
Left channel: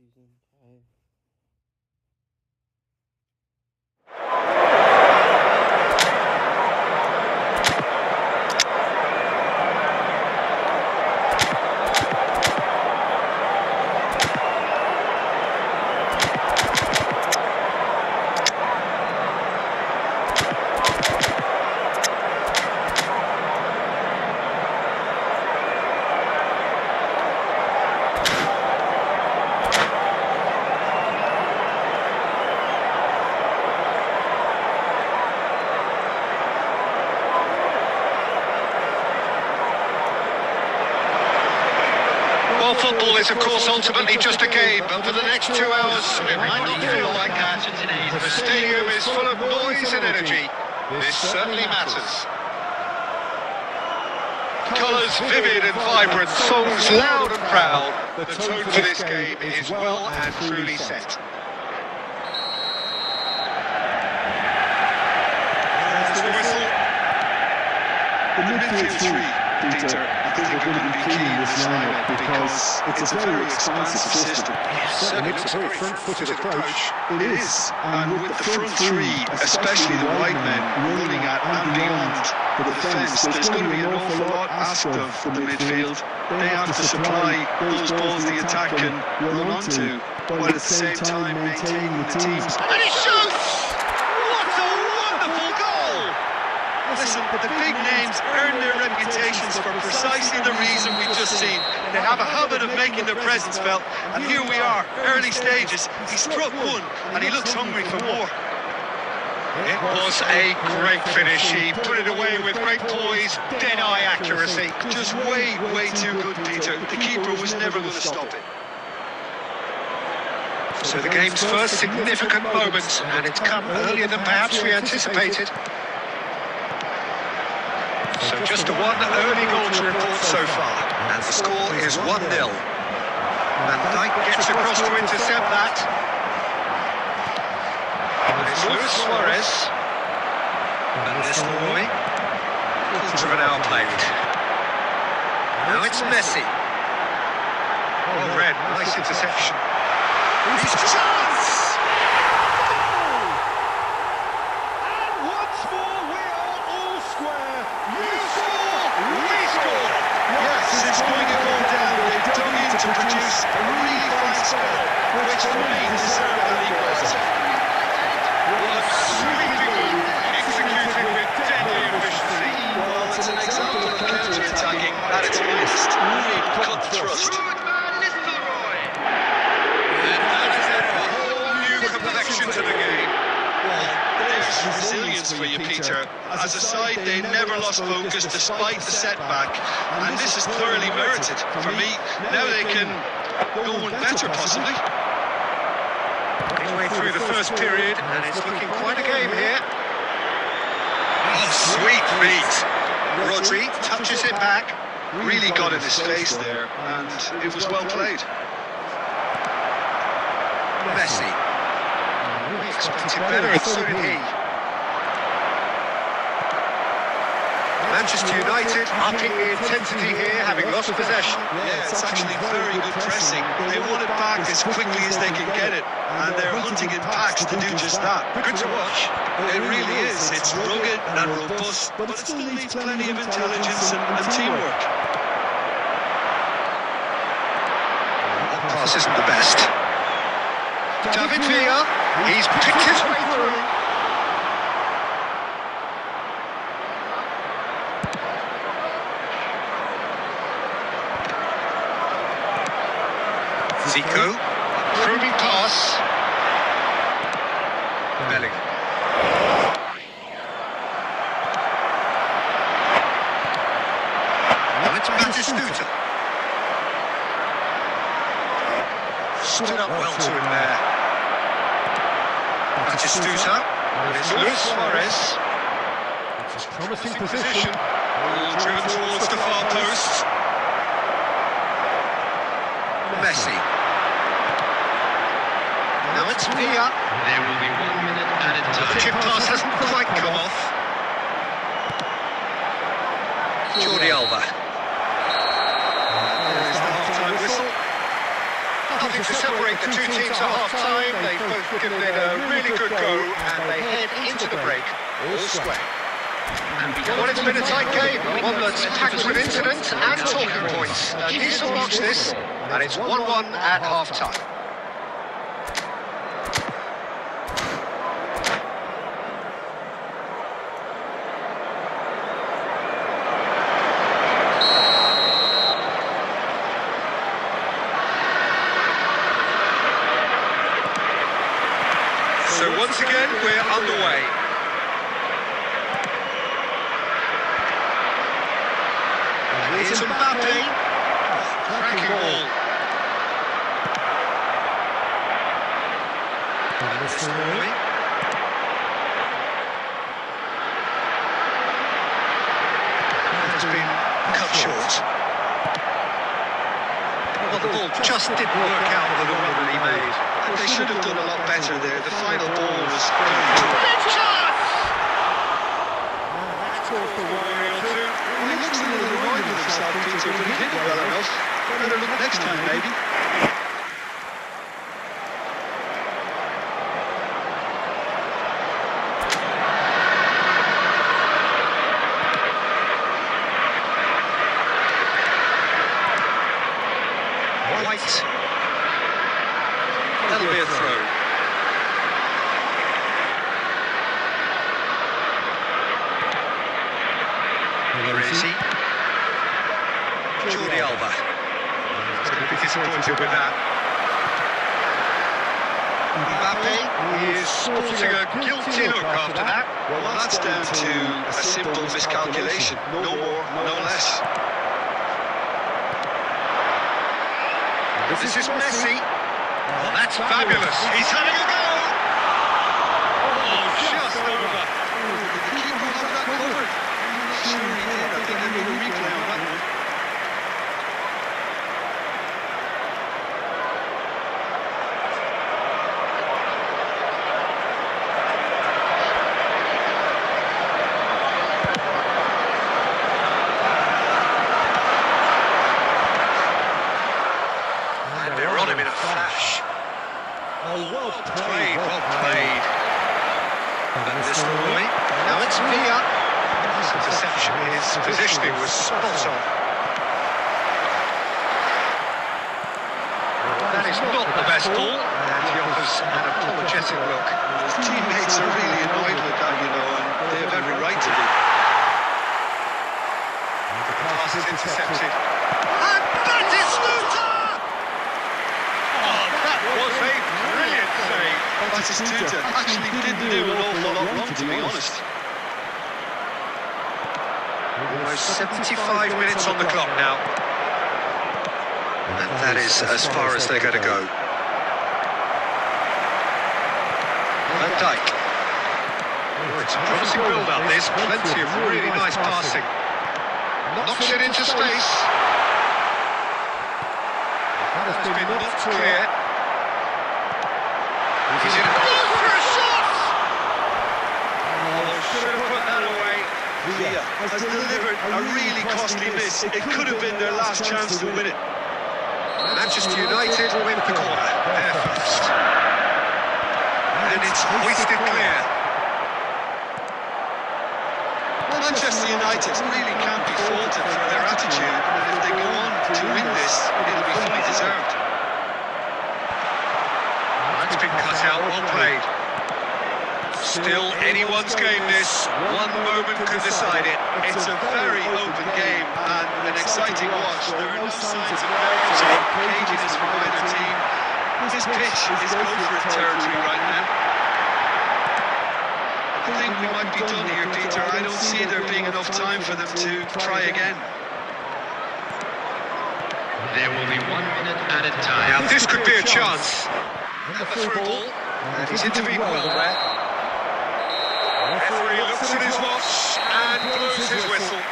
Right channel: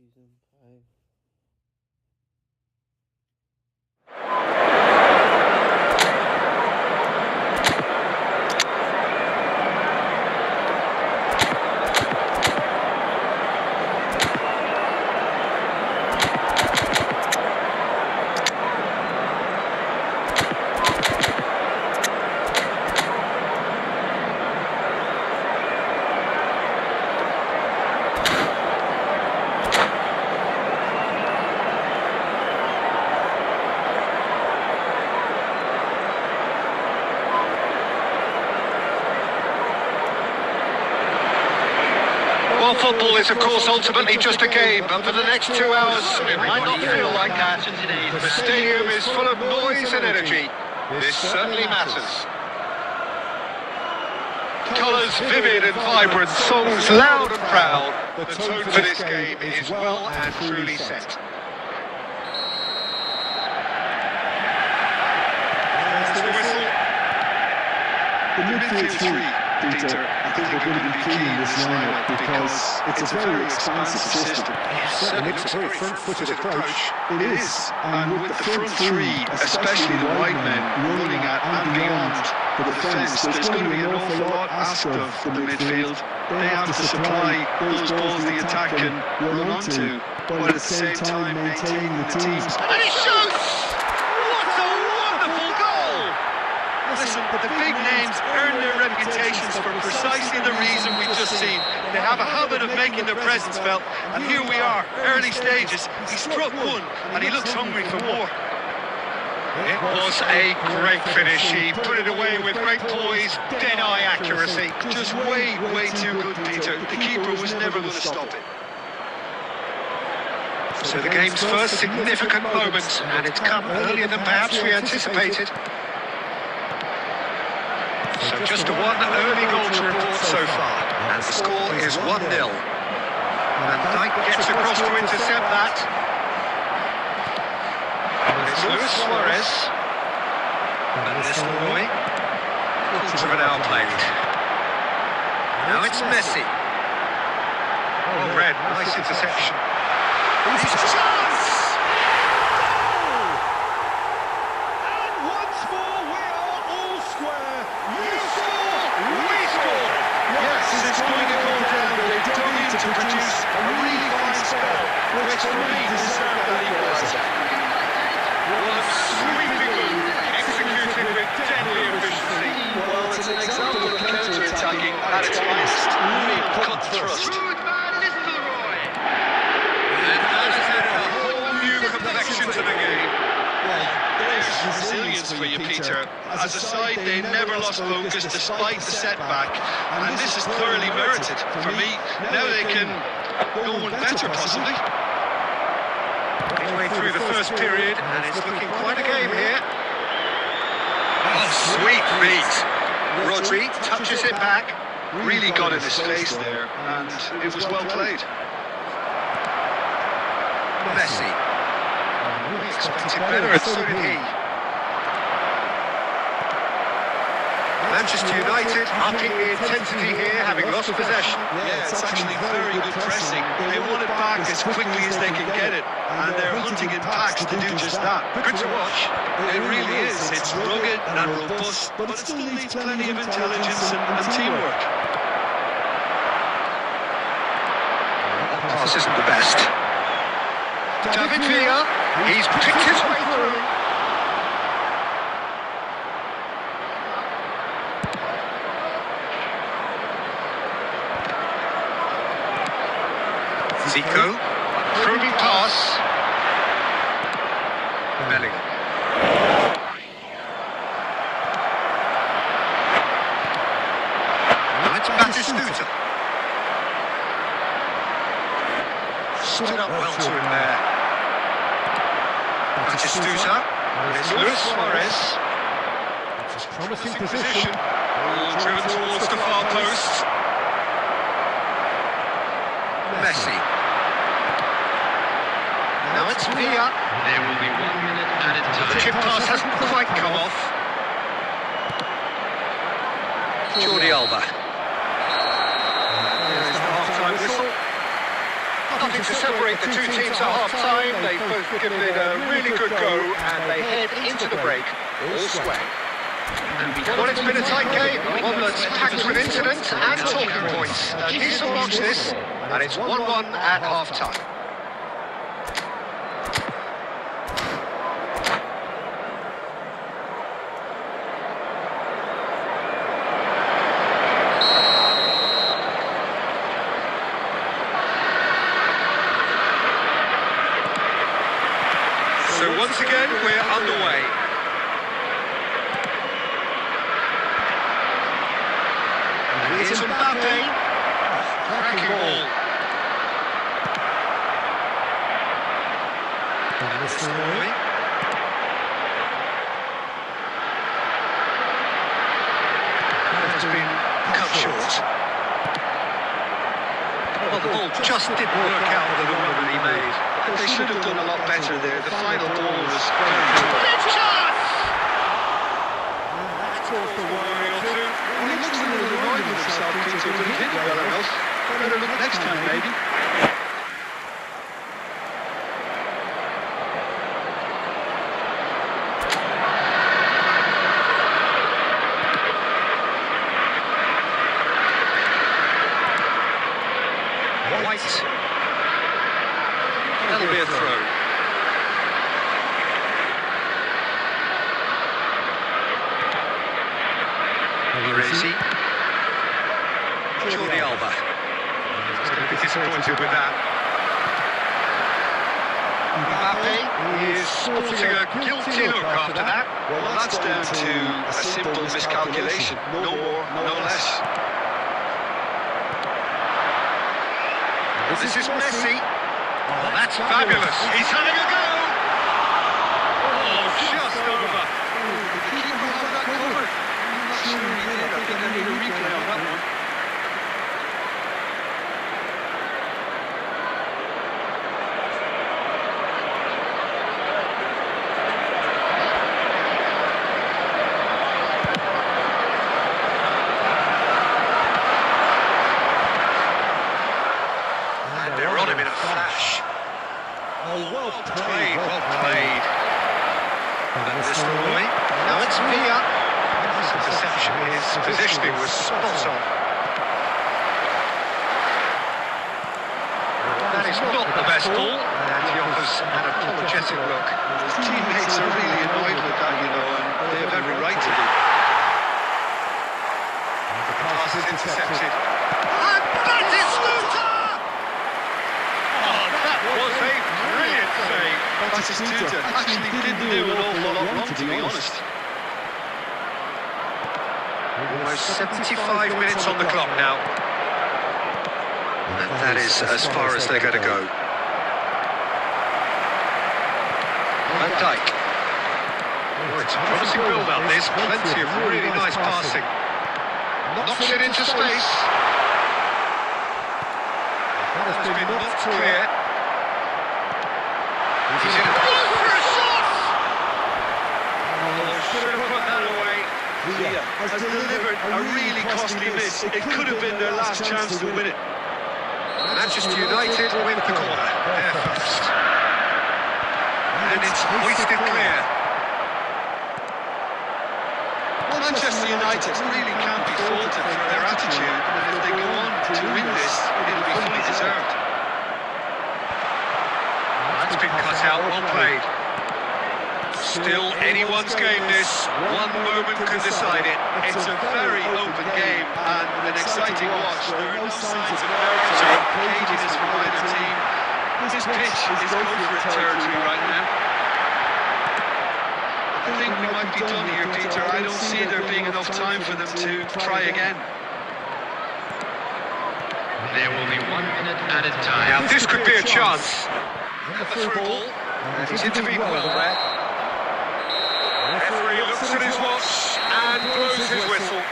Season 5. Well, football is, of course, ultimately just a game, but for the next 2 hours, it might not feel like that. The stadium is full of noise and energy. This certainly matters. Colours vivid and vibrant, songs loud and proud. The tone for this game is well and truly set. There's the whistle. The midfield three, Peter, I think are going to be key in this lineup because it's a very expansive system. It certainly looks a very front-footed approach. It is, and with the front three, especially the wide men, running at and beyond the defence, there's going to be an awful lot asked of the midfield. They have to supply those balls the attack can run onto, while at the same time maintaining the team's. And he shoots! What a wonderful goal! Listen, the big names earn their reputations for precisely the reason we've just seen. They have a habit of making their presence felt, and here we are, early stages. He struck one, and he looks hungry for more. It was a great finish. He put it away with great poise, dead-eye accuracy. Just way too good, Peter. The keeper was never going to stop it. So the game's first significant moment, and it's come earlier than perhaps we anticipated. So just the one early goal to report so far, and the score is 1-0. And Dyke gets across to intercept that. And it's Luis Suarez. And this away. Talks of another player. Now it's Messi. Oh, red, nice interception. He's a chance! Goal! And once more we are all square. You score, we score. Yes, it's going to go down. They're dug in to produce a really fine spell, which for me deserved that equaliser. One sweeping move, executed with deadly efficiency. Well, it's an example of counter-attacking at its finest. Real cut and thrust. And that has added a whole new complexion to the game. Well, there's resilience for you, Peter. As a side, they never lost focus despite the setback. And this is thoroughly merited for me. Now they can go on better, possibly. Midway through the first period, and it's looking quite a game here. Oh, sweet beat. Rodri touches it back. Really got in his face there, and it was well played. Messi. We expected better, and so did he. Manchester United upping the intensity here, having lost possession. Yeah, it's actually very good pressing. They want it back as quickly as they can get it, and they're hunting in packs to do just that. Good to watch. It really is. It's rugged and robust, but it still needs plenty of intelligence and teamwork. Pass isn't the best. David Villa, he's picked his way through. Zico, probing pass. Bellingham. That's Batistuta. Stood up well to it there. Batistuta. And it's Luis Suarez. It's a promising position. Driven towards the far post. Messi. Now it's Villa. The chip pass hasn't quite come off. Jordi Alba. There's the half-time whistle. Nothing to separate the two teams at half-time. They've both given it a really good go, and they head into the break all square. Well, it's been a tight game, one that's packed with incidents and talking points. A decent watch this, and it's 1-1 at half-time. So once again, we're underway. And here's Mbappe. Cracking ball. Van Nistelrooy. That has been cut short. Well, the ball just didn't work out for the run that he made. They should have done a lot better there. The final ball was going through. And that's caused a worry or two. He looks a little annoyed with himself, Peter, but he hit it well enough. Better look next time, maybe. White. That'll be a throw. Orezi. Jordi Alba. He's going to be disappointed with that. Mbappe is sporting a guilty look after that. Well, that's down to a simple miscalculation. No more, no less. This is Messi. Oh, that's fabulous. He's having a go. Oh, just over. The keeper has that covered. I'm not sure he did. I think I need a replay on that one. Oh, well played, well played. Van Nistelrooy. That's Milan. His deception, his positioning was spot on. That is not the best ball, and it was an apologetic look. His teammates are really annoyed with that one. They have every right to be. And the pass is intercepted. Batistuta actually didn't do an awful lot wrong, to be honest. Almost 75 minutes on the clock now. And that is as far as they're going to go. Van Dijk. Oh, it's a promising build up this. Plenty of really nice passing. Knocks it into space. That has been knocked clear. He's in a for a shot! Oh, should have put that away. Villa has delivered a really costly miss. It could have been their last chance to win it. Manchester United with the corner. They're first. And it's hoisted clear. Manchester United really can't be faulted for their attitude, and if they go on to win this, it'll be fully deserved. That's been cut out, well played. Still anyone's game this. One moment can decide it. It's a very open game and an exciting watch. There are no signs of nerves or caginess from either team. This pitch is go-for-it territory right now. I think we might be done here, Peter. I don't see there being enough time for them to try again. Now this could be a chance. And the through ball. He's intervened well there. Referee looks at his watch and blows his whistle.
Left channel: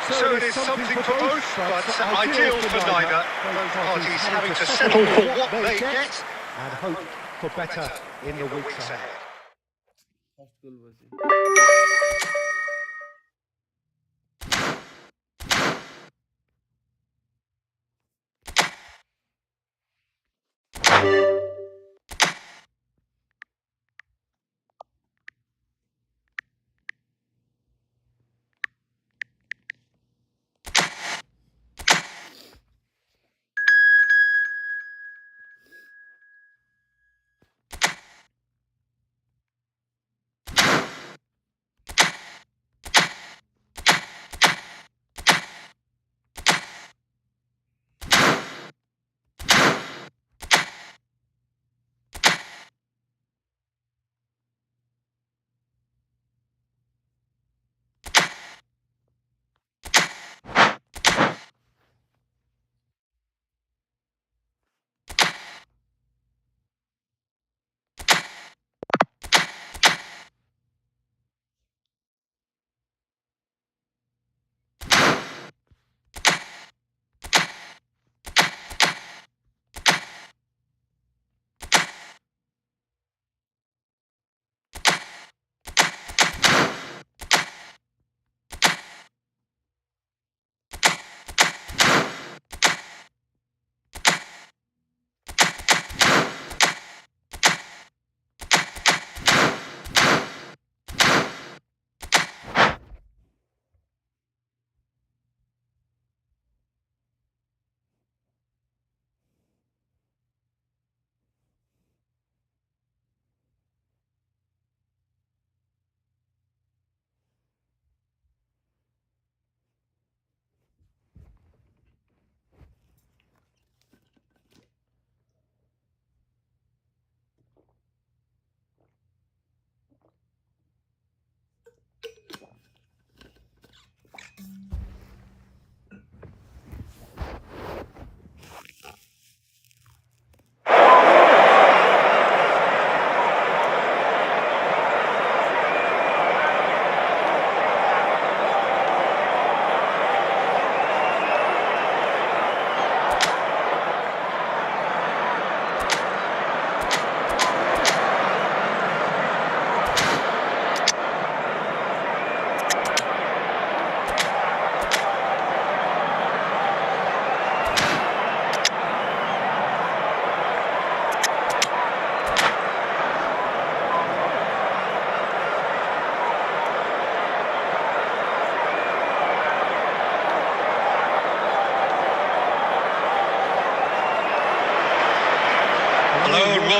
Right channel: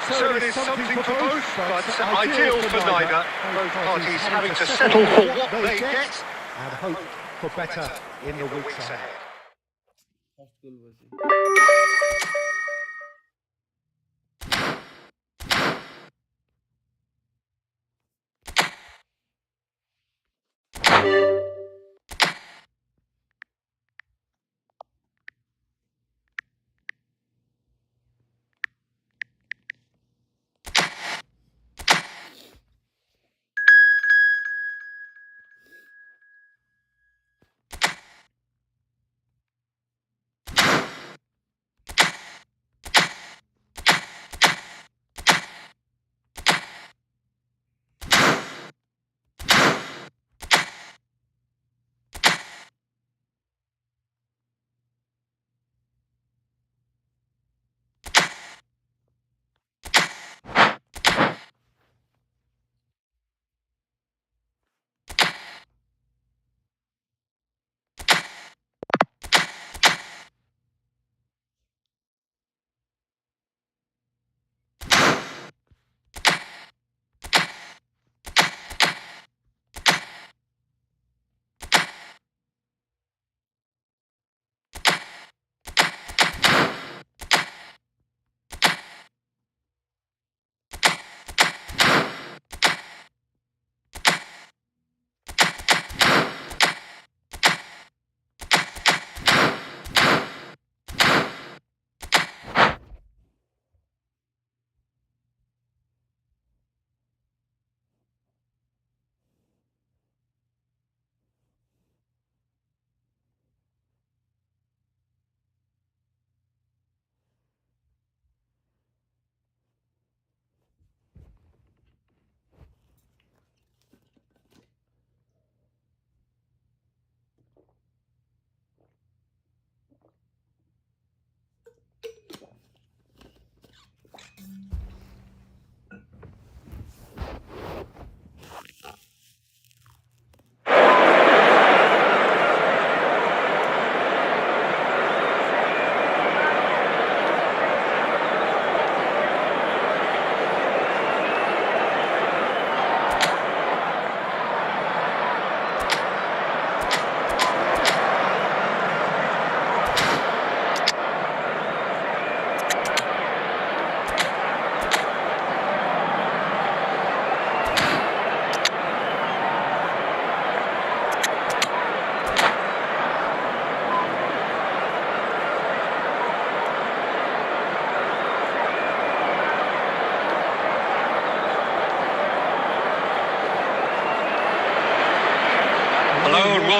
So it is something for both, but ideal for neither. Both parties having to settle for what they get and hope for better in the weeks ahead. First goal was it.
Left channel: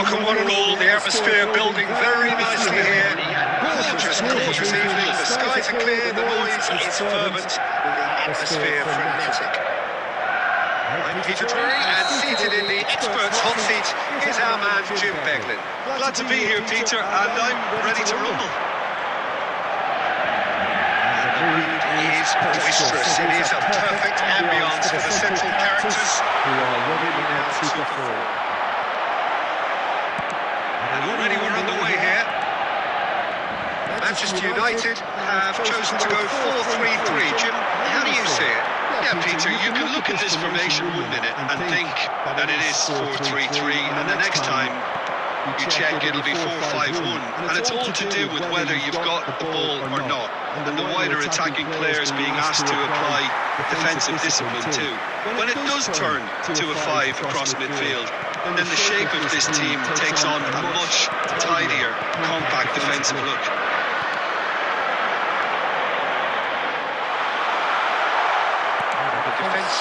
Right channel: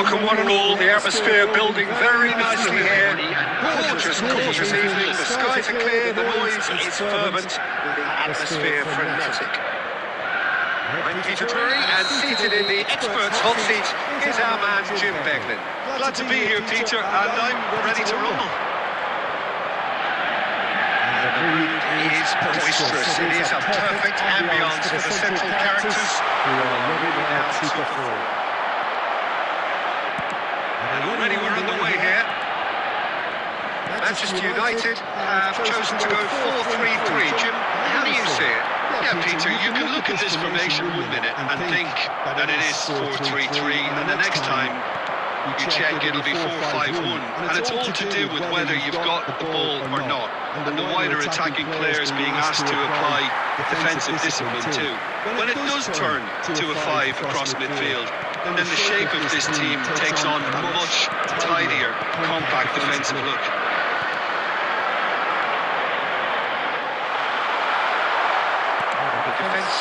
to 1-1, the atmosphere building very nicely here. Gorgeous, gorgeous evening, the skies are clear, the noise is fervent, the atmosphere frenetic. I'm Peter Drury, and seated in the expert's hot seat is our man Jim Beckham. Glad to be here, Peter, and I'm ready to rumble. And the mood is boisterous. It is a perfect ambience for the central characters who are ready now to perform. And already we're underway here. Manchester United have chosen to go 4-3-3. Jim, how do you see it? Yeah, Peter, you can look at this formation 1 minute and think that it is 4-3-3, and the next time you check it'll be 4-5-1, and it's all to do with whether you've got the ball or not, and the wider attacking players being asked to apply defensive discipline too. When it does turn to a 5 across midfield, then the shape of this team takes on a much tidier, compact defensive look.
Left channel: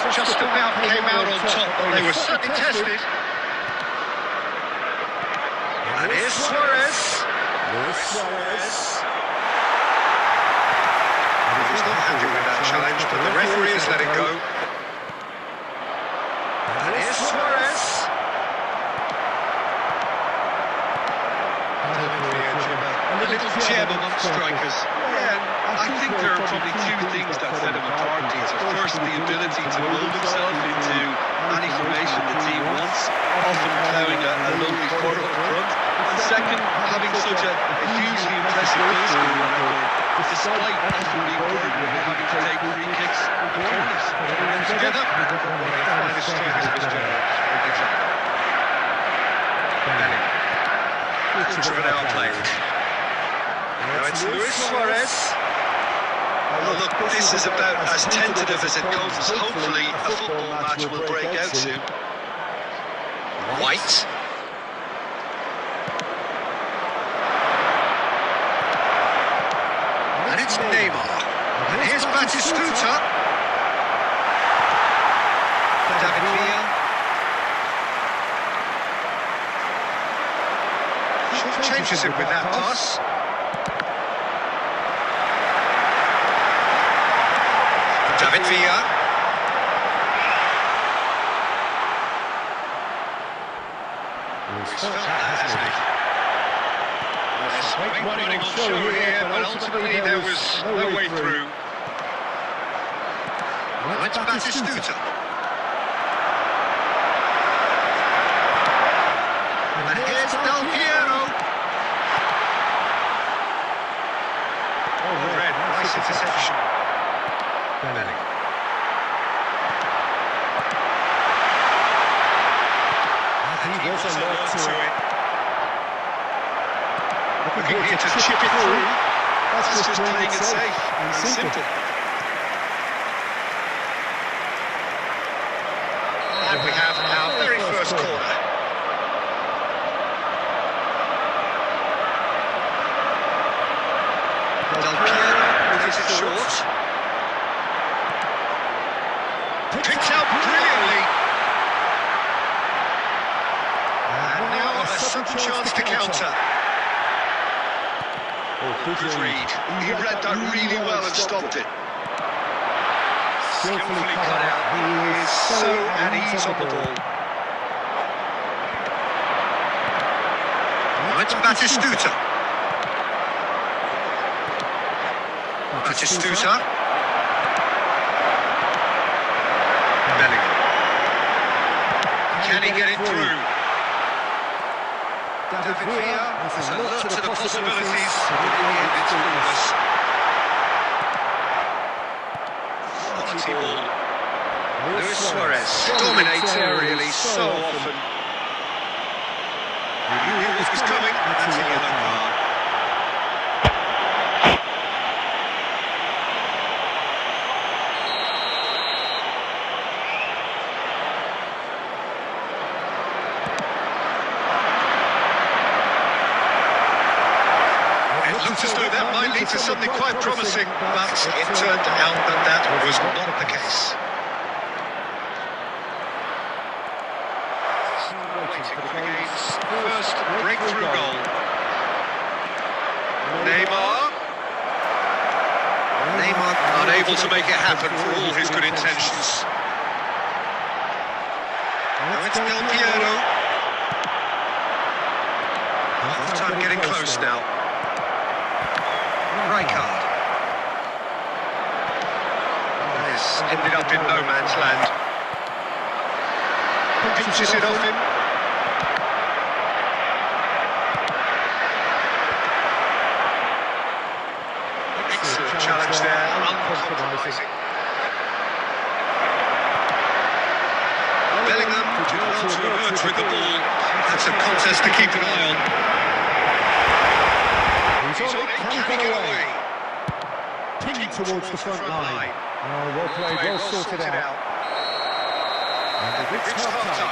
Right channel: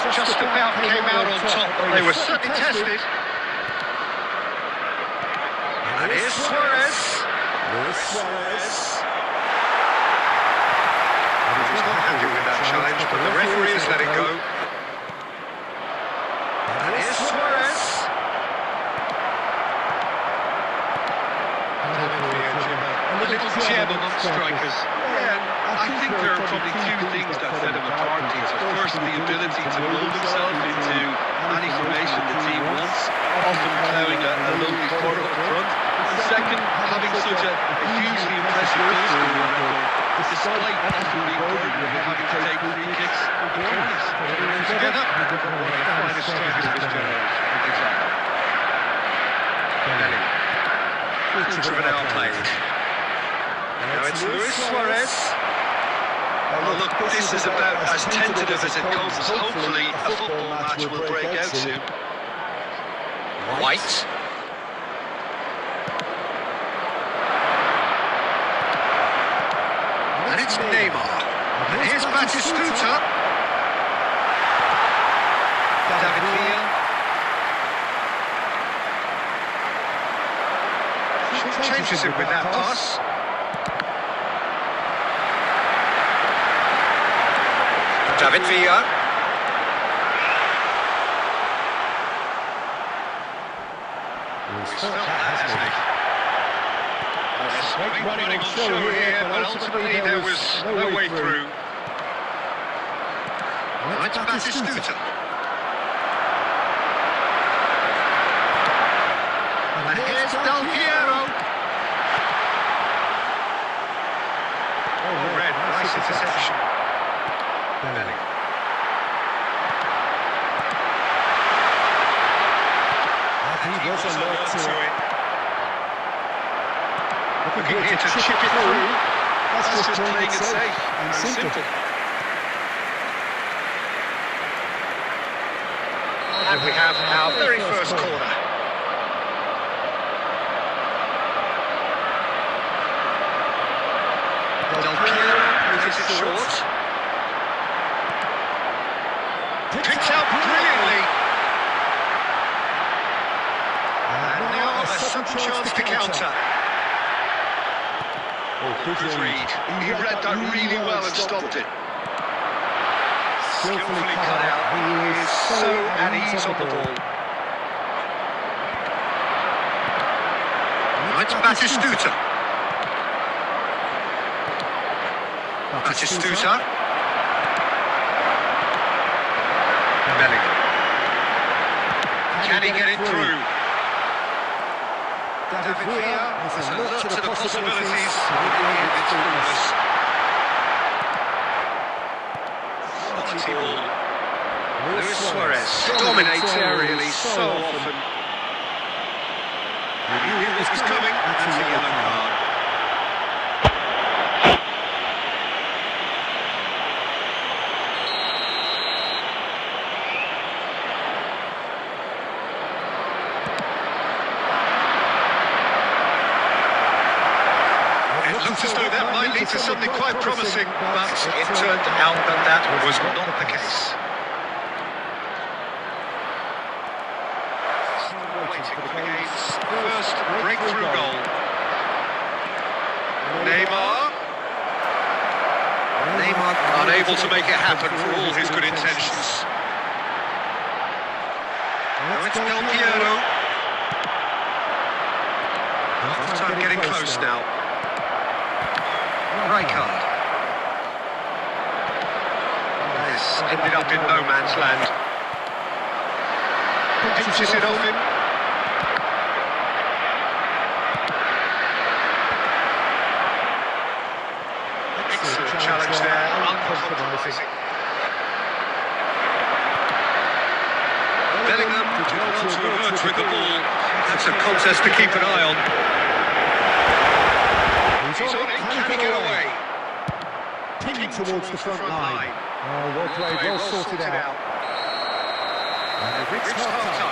Just about came out on top. They were certainly tested. And here's Suarez. Luis Suarez. And he's not happy with that challenge, but the referee has let it go. And here's Suarez. A little jab amongst strikers. I think there are probably two things that set them apart, Peter. First, the ability to mold themselves into any formation the team wants, often having a really part of the front. And second, having such a hugely impressive goal scoring record, despite often being burdened with having to take free kicks and corners. Put it all together, we've got one of the finest strikers of his generation. Bellingham. Quarter of an hour played. Now it's Luis Suarez. Oh, look, this is about as tentative as it comes. Hopefully, a football match will break out soon. White. And it's Neymar. And here's Batistuta. David Villa. Changes him with that pass. David Villa. Oh, he's felt that, hasn't he? There's some great running on show here, but ultimately there was no way through. Went to Batistuta. And here's Del Piero. Oh, red, nice interception. Bellingham. And he was alert to it. Looking here to chip it through. That's just playing it safe and simple. And we have our very first corner. Del Piero plays it short. Picked out brilliantly. And now a sudden chance to counter. Oh, good read. He read that really well and stopped it. Skillfully cut out. He is so at ease on the ball. Went to Batistuta. Batistuta. Can he get it through? David Villa was alert to the possibilities, but in the end it's fruitless. Quality ball. Luis Suarez dominates aerially so often. He knew what was coming. That's a yellow card. Looked as though that might lead to something quite promising, but it turned out that was not the case. Waiting for the game's first to make it happen for all his good intentions. Now it's Del Piero. Half-time getting close now. Right. Ended up in no man's land. Pinches it off him. Excellent challenge there, uncompromising. Bellingham did well to emerge with the ball. It's a contest to keep an eye on. He's on it, can he get away? Pinged towards the front line. Oh, well played, well sorted out. And we've reached half-time.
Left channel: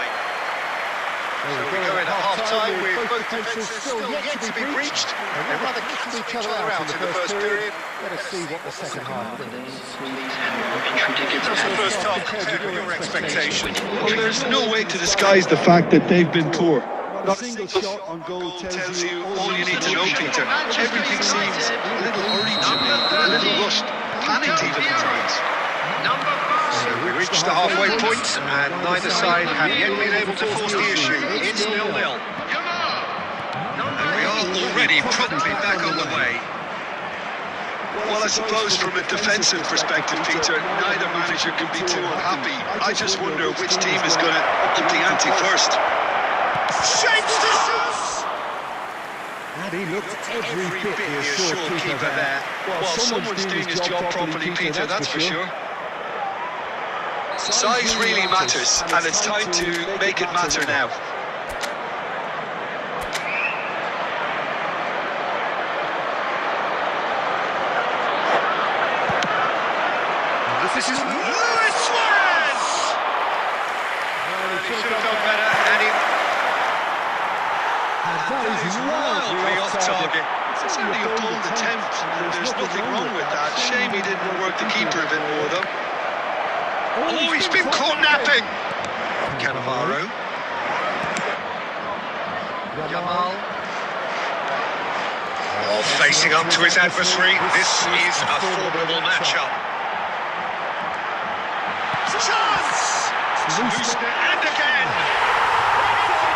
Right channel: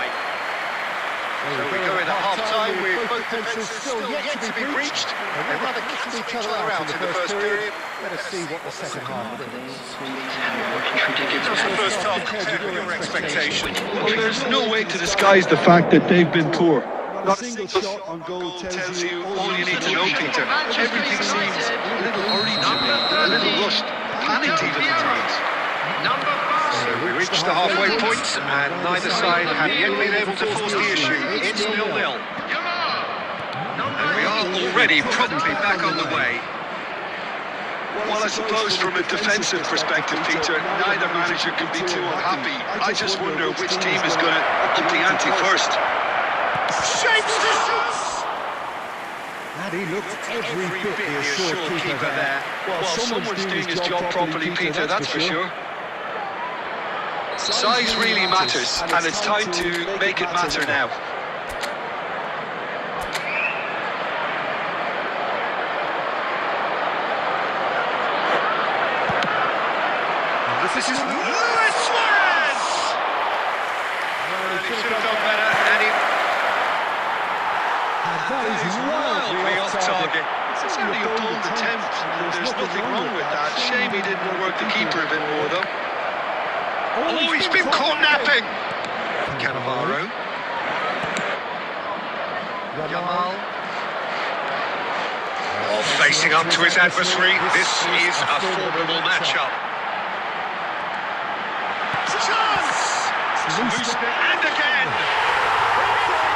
So we go in at half-time with both defences still yet to be breached. They rather cancelled each other out in the first period. Let us see what the second half brings. How's the first half compared with your expectations? Well, there's no way to disguise the fact that they've been poor. Not a single shot on goal tells you all you need to know, Peter. Everything seems a little rushed, panicking the defenders. So we reached the halfway point, and neither side have yet been able to force the issue. It's 0-0. And we are already promptly back on the way. Well, I suppose from a defensive perspective, Peter, neither manager should be too unhappy. I just wonder which team is going to up the ante first. Shapes the shoots! And he looked every bit the assured keeper there. Well, someone's doing his job properly, Peter, that's for sure. Size really matters, and it's time to make it matter now. This is the last chance! Well, he should have done better. And that is wildly off target. It's only a bold attempt, and there's nothing wrong with that. Shame he didn't work the keeper a bit more, though. Oh, he's been caught napping! Cannavaro. Yamal. Facing up to his adversary. This is a formidable matchup. Chance! It's loose and again! It's in!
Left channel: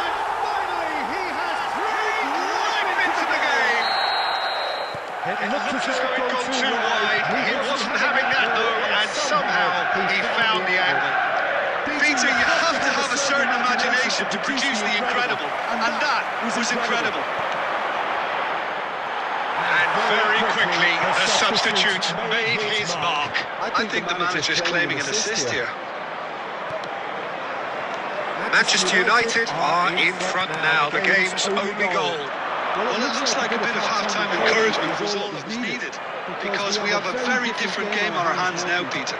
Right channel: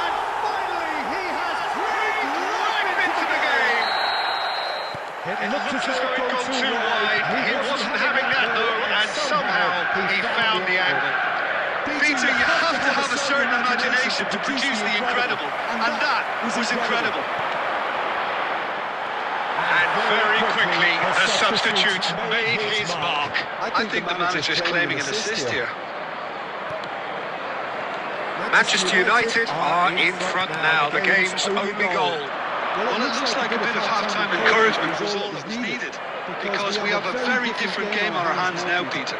And finally he has breathed life into the game! It looked as though it had gone too wide. He wasn't having that though, and somehow he found the angle. Peter, you have to have a certain imagination to produce the incredible, and that was incredible. And very quickly, the substitute made his mark. I think the manager's claiming an assist here. Manchester United are in front now, the game's only goal. Well, it looks like a bit of half-time encouragement is all that was needed, because we have a very different game on our hands now, Peter.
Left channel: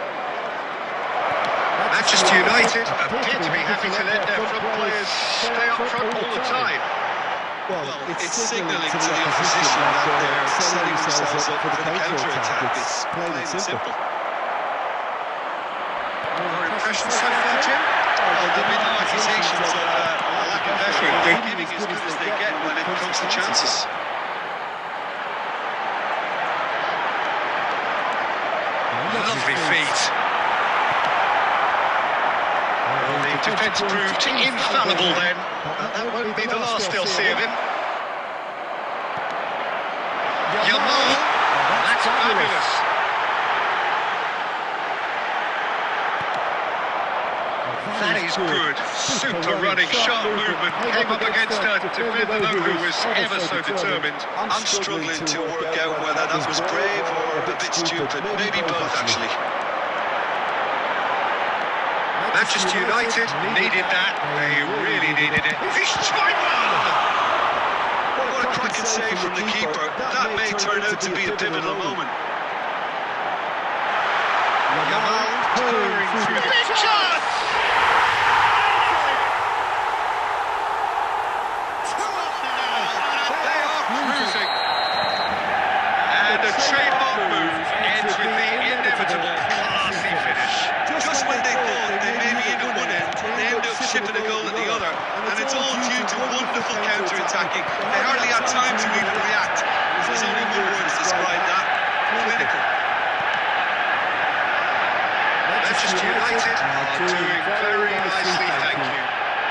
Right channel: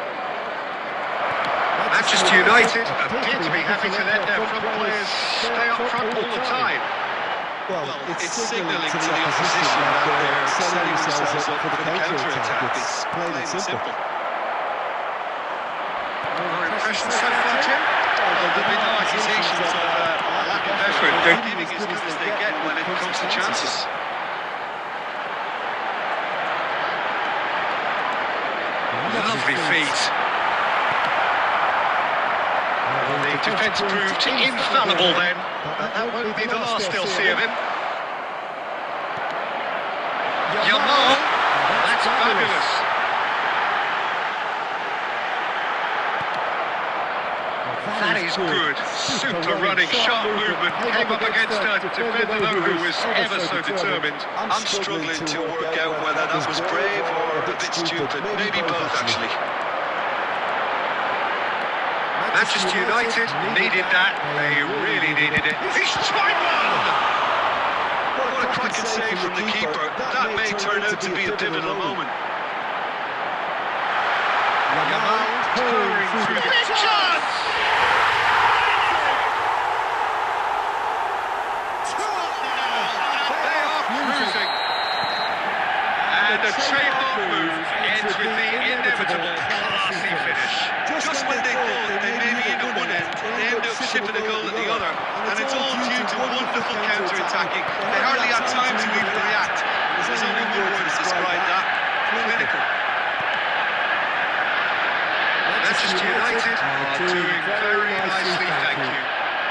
Manchester United appear to be happy to let their front players stay up front all the time. Well, it's signalling to the opposition that they're setting themselves up for the counter-attack. It's plain and simple. Impressions so far, Jim? Well, there'll be accusations of a lack of effort. They're giving as good as they get when it comes to chances. Lovely feet. Well, the defence proved infallible then, but that won't be the last they'll see of him. Yamal! Oh, that's fabulous. That is good. Super running, sharp movement. Came up against a defender, though, who was ever so determined. I'm struggling to work out whether that was brave or a bit stupid. Maybe both, actually. Manchester United needed that. They really needed it. He's tried one! What a cracking save from the keeper. That may turn out to be a pivotal moment. Yamal purring through the chance! Trademark move ends with the inevitable classy finish. Just when they thought they maybe hit at one end, they end up shipping a goal at the other, and it's all due to wonderful counter-attacking. They hardly have time to even react. There's only one word to describe that: clinical. Manchester United are doing very nicely, thank you.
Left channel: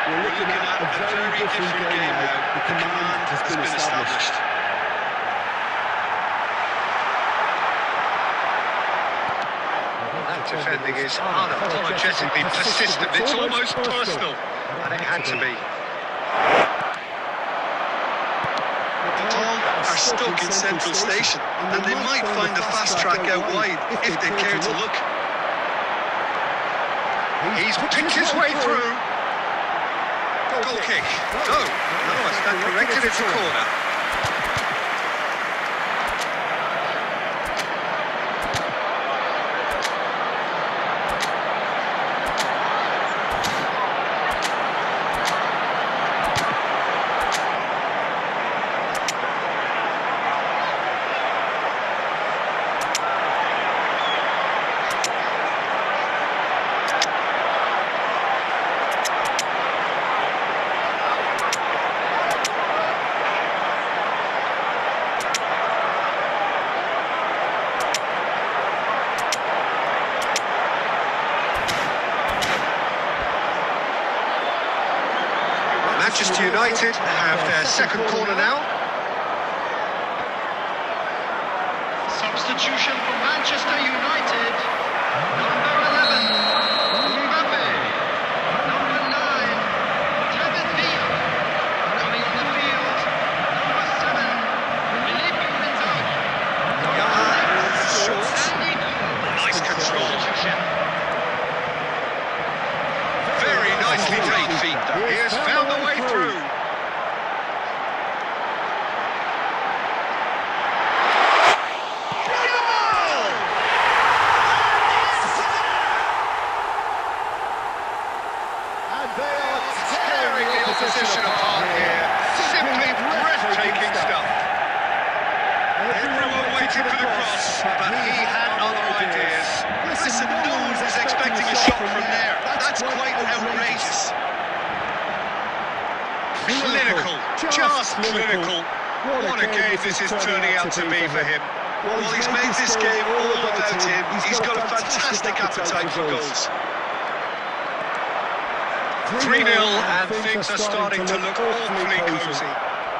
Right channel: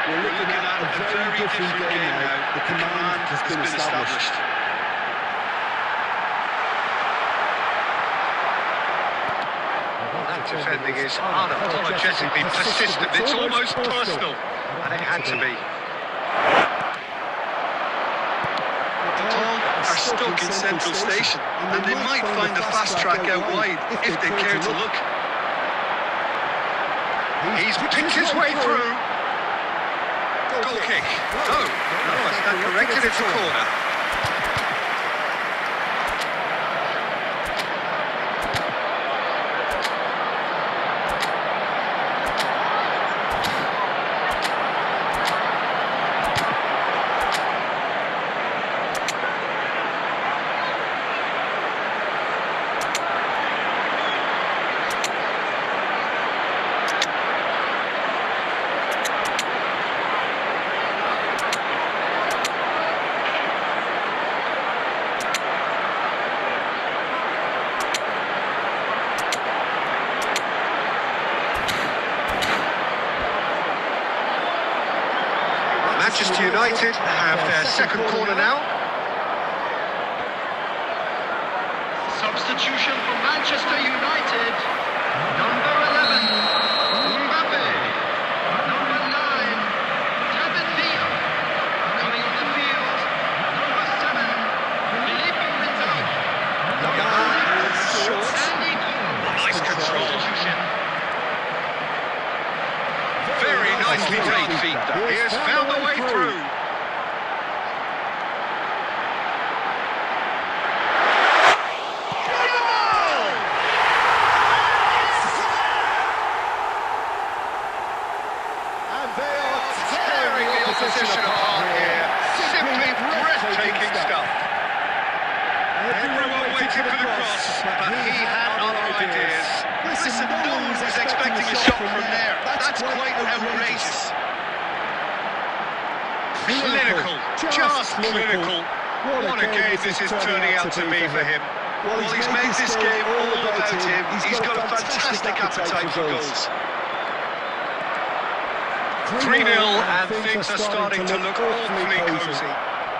We're looking at a very different game now. The command has been established. That defending is unapologetically persistent. It's almost personal, and it had to be. Are stuck in Central Station, and they might find a fast track out wide if they care to look. He's picked his way through. Goal kick. No, that's corrected into corner. Manchester United have their second corner now. Substitution for Manchester United. Yamal moves short. Nice control. Very nicely done. He has found a way through. Yamal! And it's there! And they are tearing the opposition apart here. Simply breathtaking stuff. Everyone waited for the cross, but he had other ideas. Listen, no one was expecting a shot from there. That's quite outrageous. Clinical, just clinical. What a game this is turning out to be for him. Well, he's made this game all about him. He's got a fantastic appetite for goals. 3-0 and things are starting to look awfully cosy.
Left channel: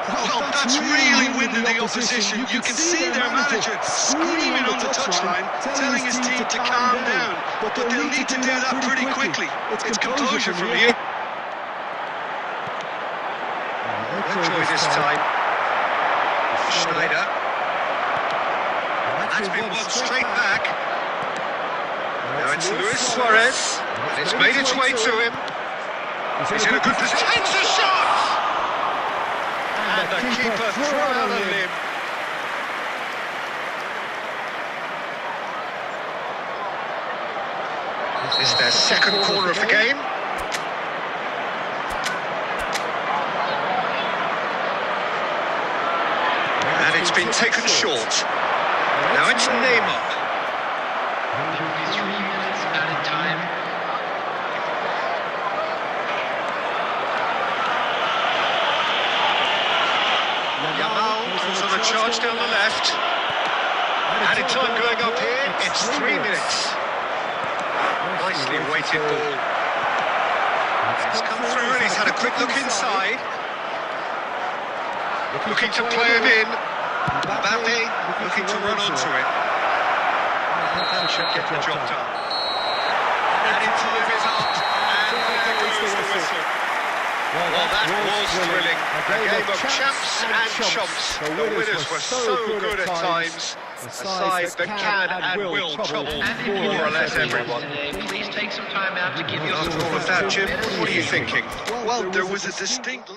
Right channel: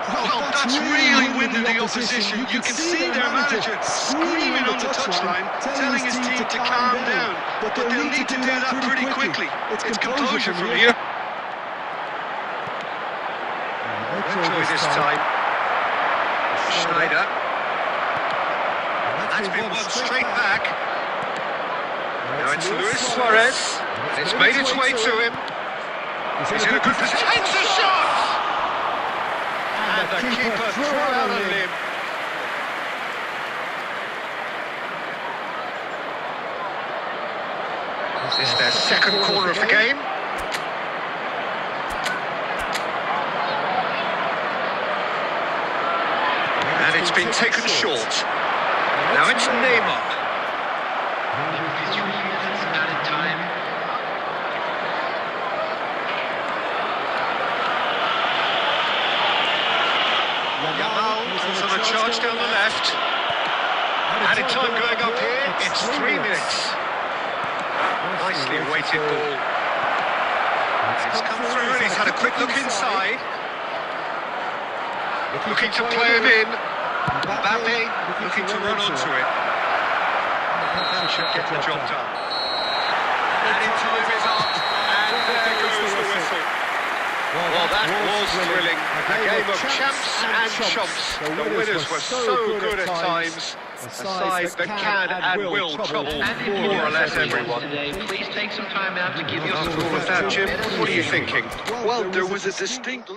Well, that's really winded the opposition. You can see their manager screaming on the touchline, telling his team to calm down. But they'll need to do that pretty quickly. It's composure from here. No joy this time. Schneider. And that's been won straight back. Now it's Luis Suarez. And it's made its way to him. He's in a good position. Takes a shot! And the keeper threw out a limb. This is their second corner of the game. And it's been taken short. Now it's Neymar. Yamal goes on a charge down the left. Added time going up here, it's 3 minutes. Nicely weighted ball. It's come through and he's had a quick look inside. Looking to play it in. Mbappe looking to run onto it. That should get the job done. Added time is up, and there goes the whistle. Well, that was thrilling. A game of champs and chumps. The winners were so good at times. A side that can and will trouble more or less everyone. After all of that, Jim, what are you thinking? Well, there was a distinct...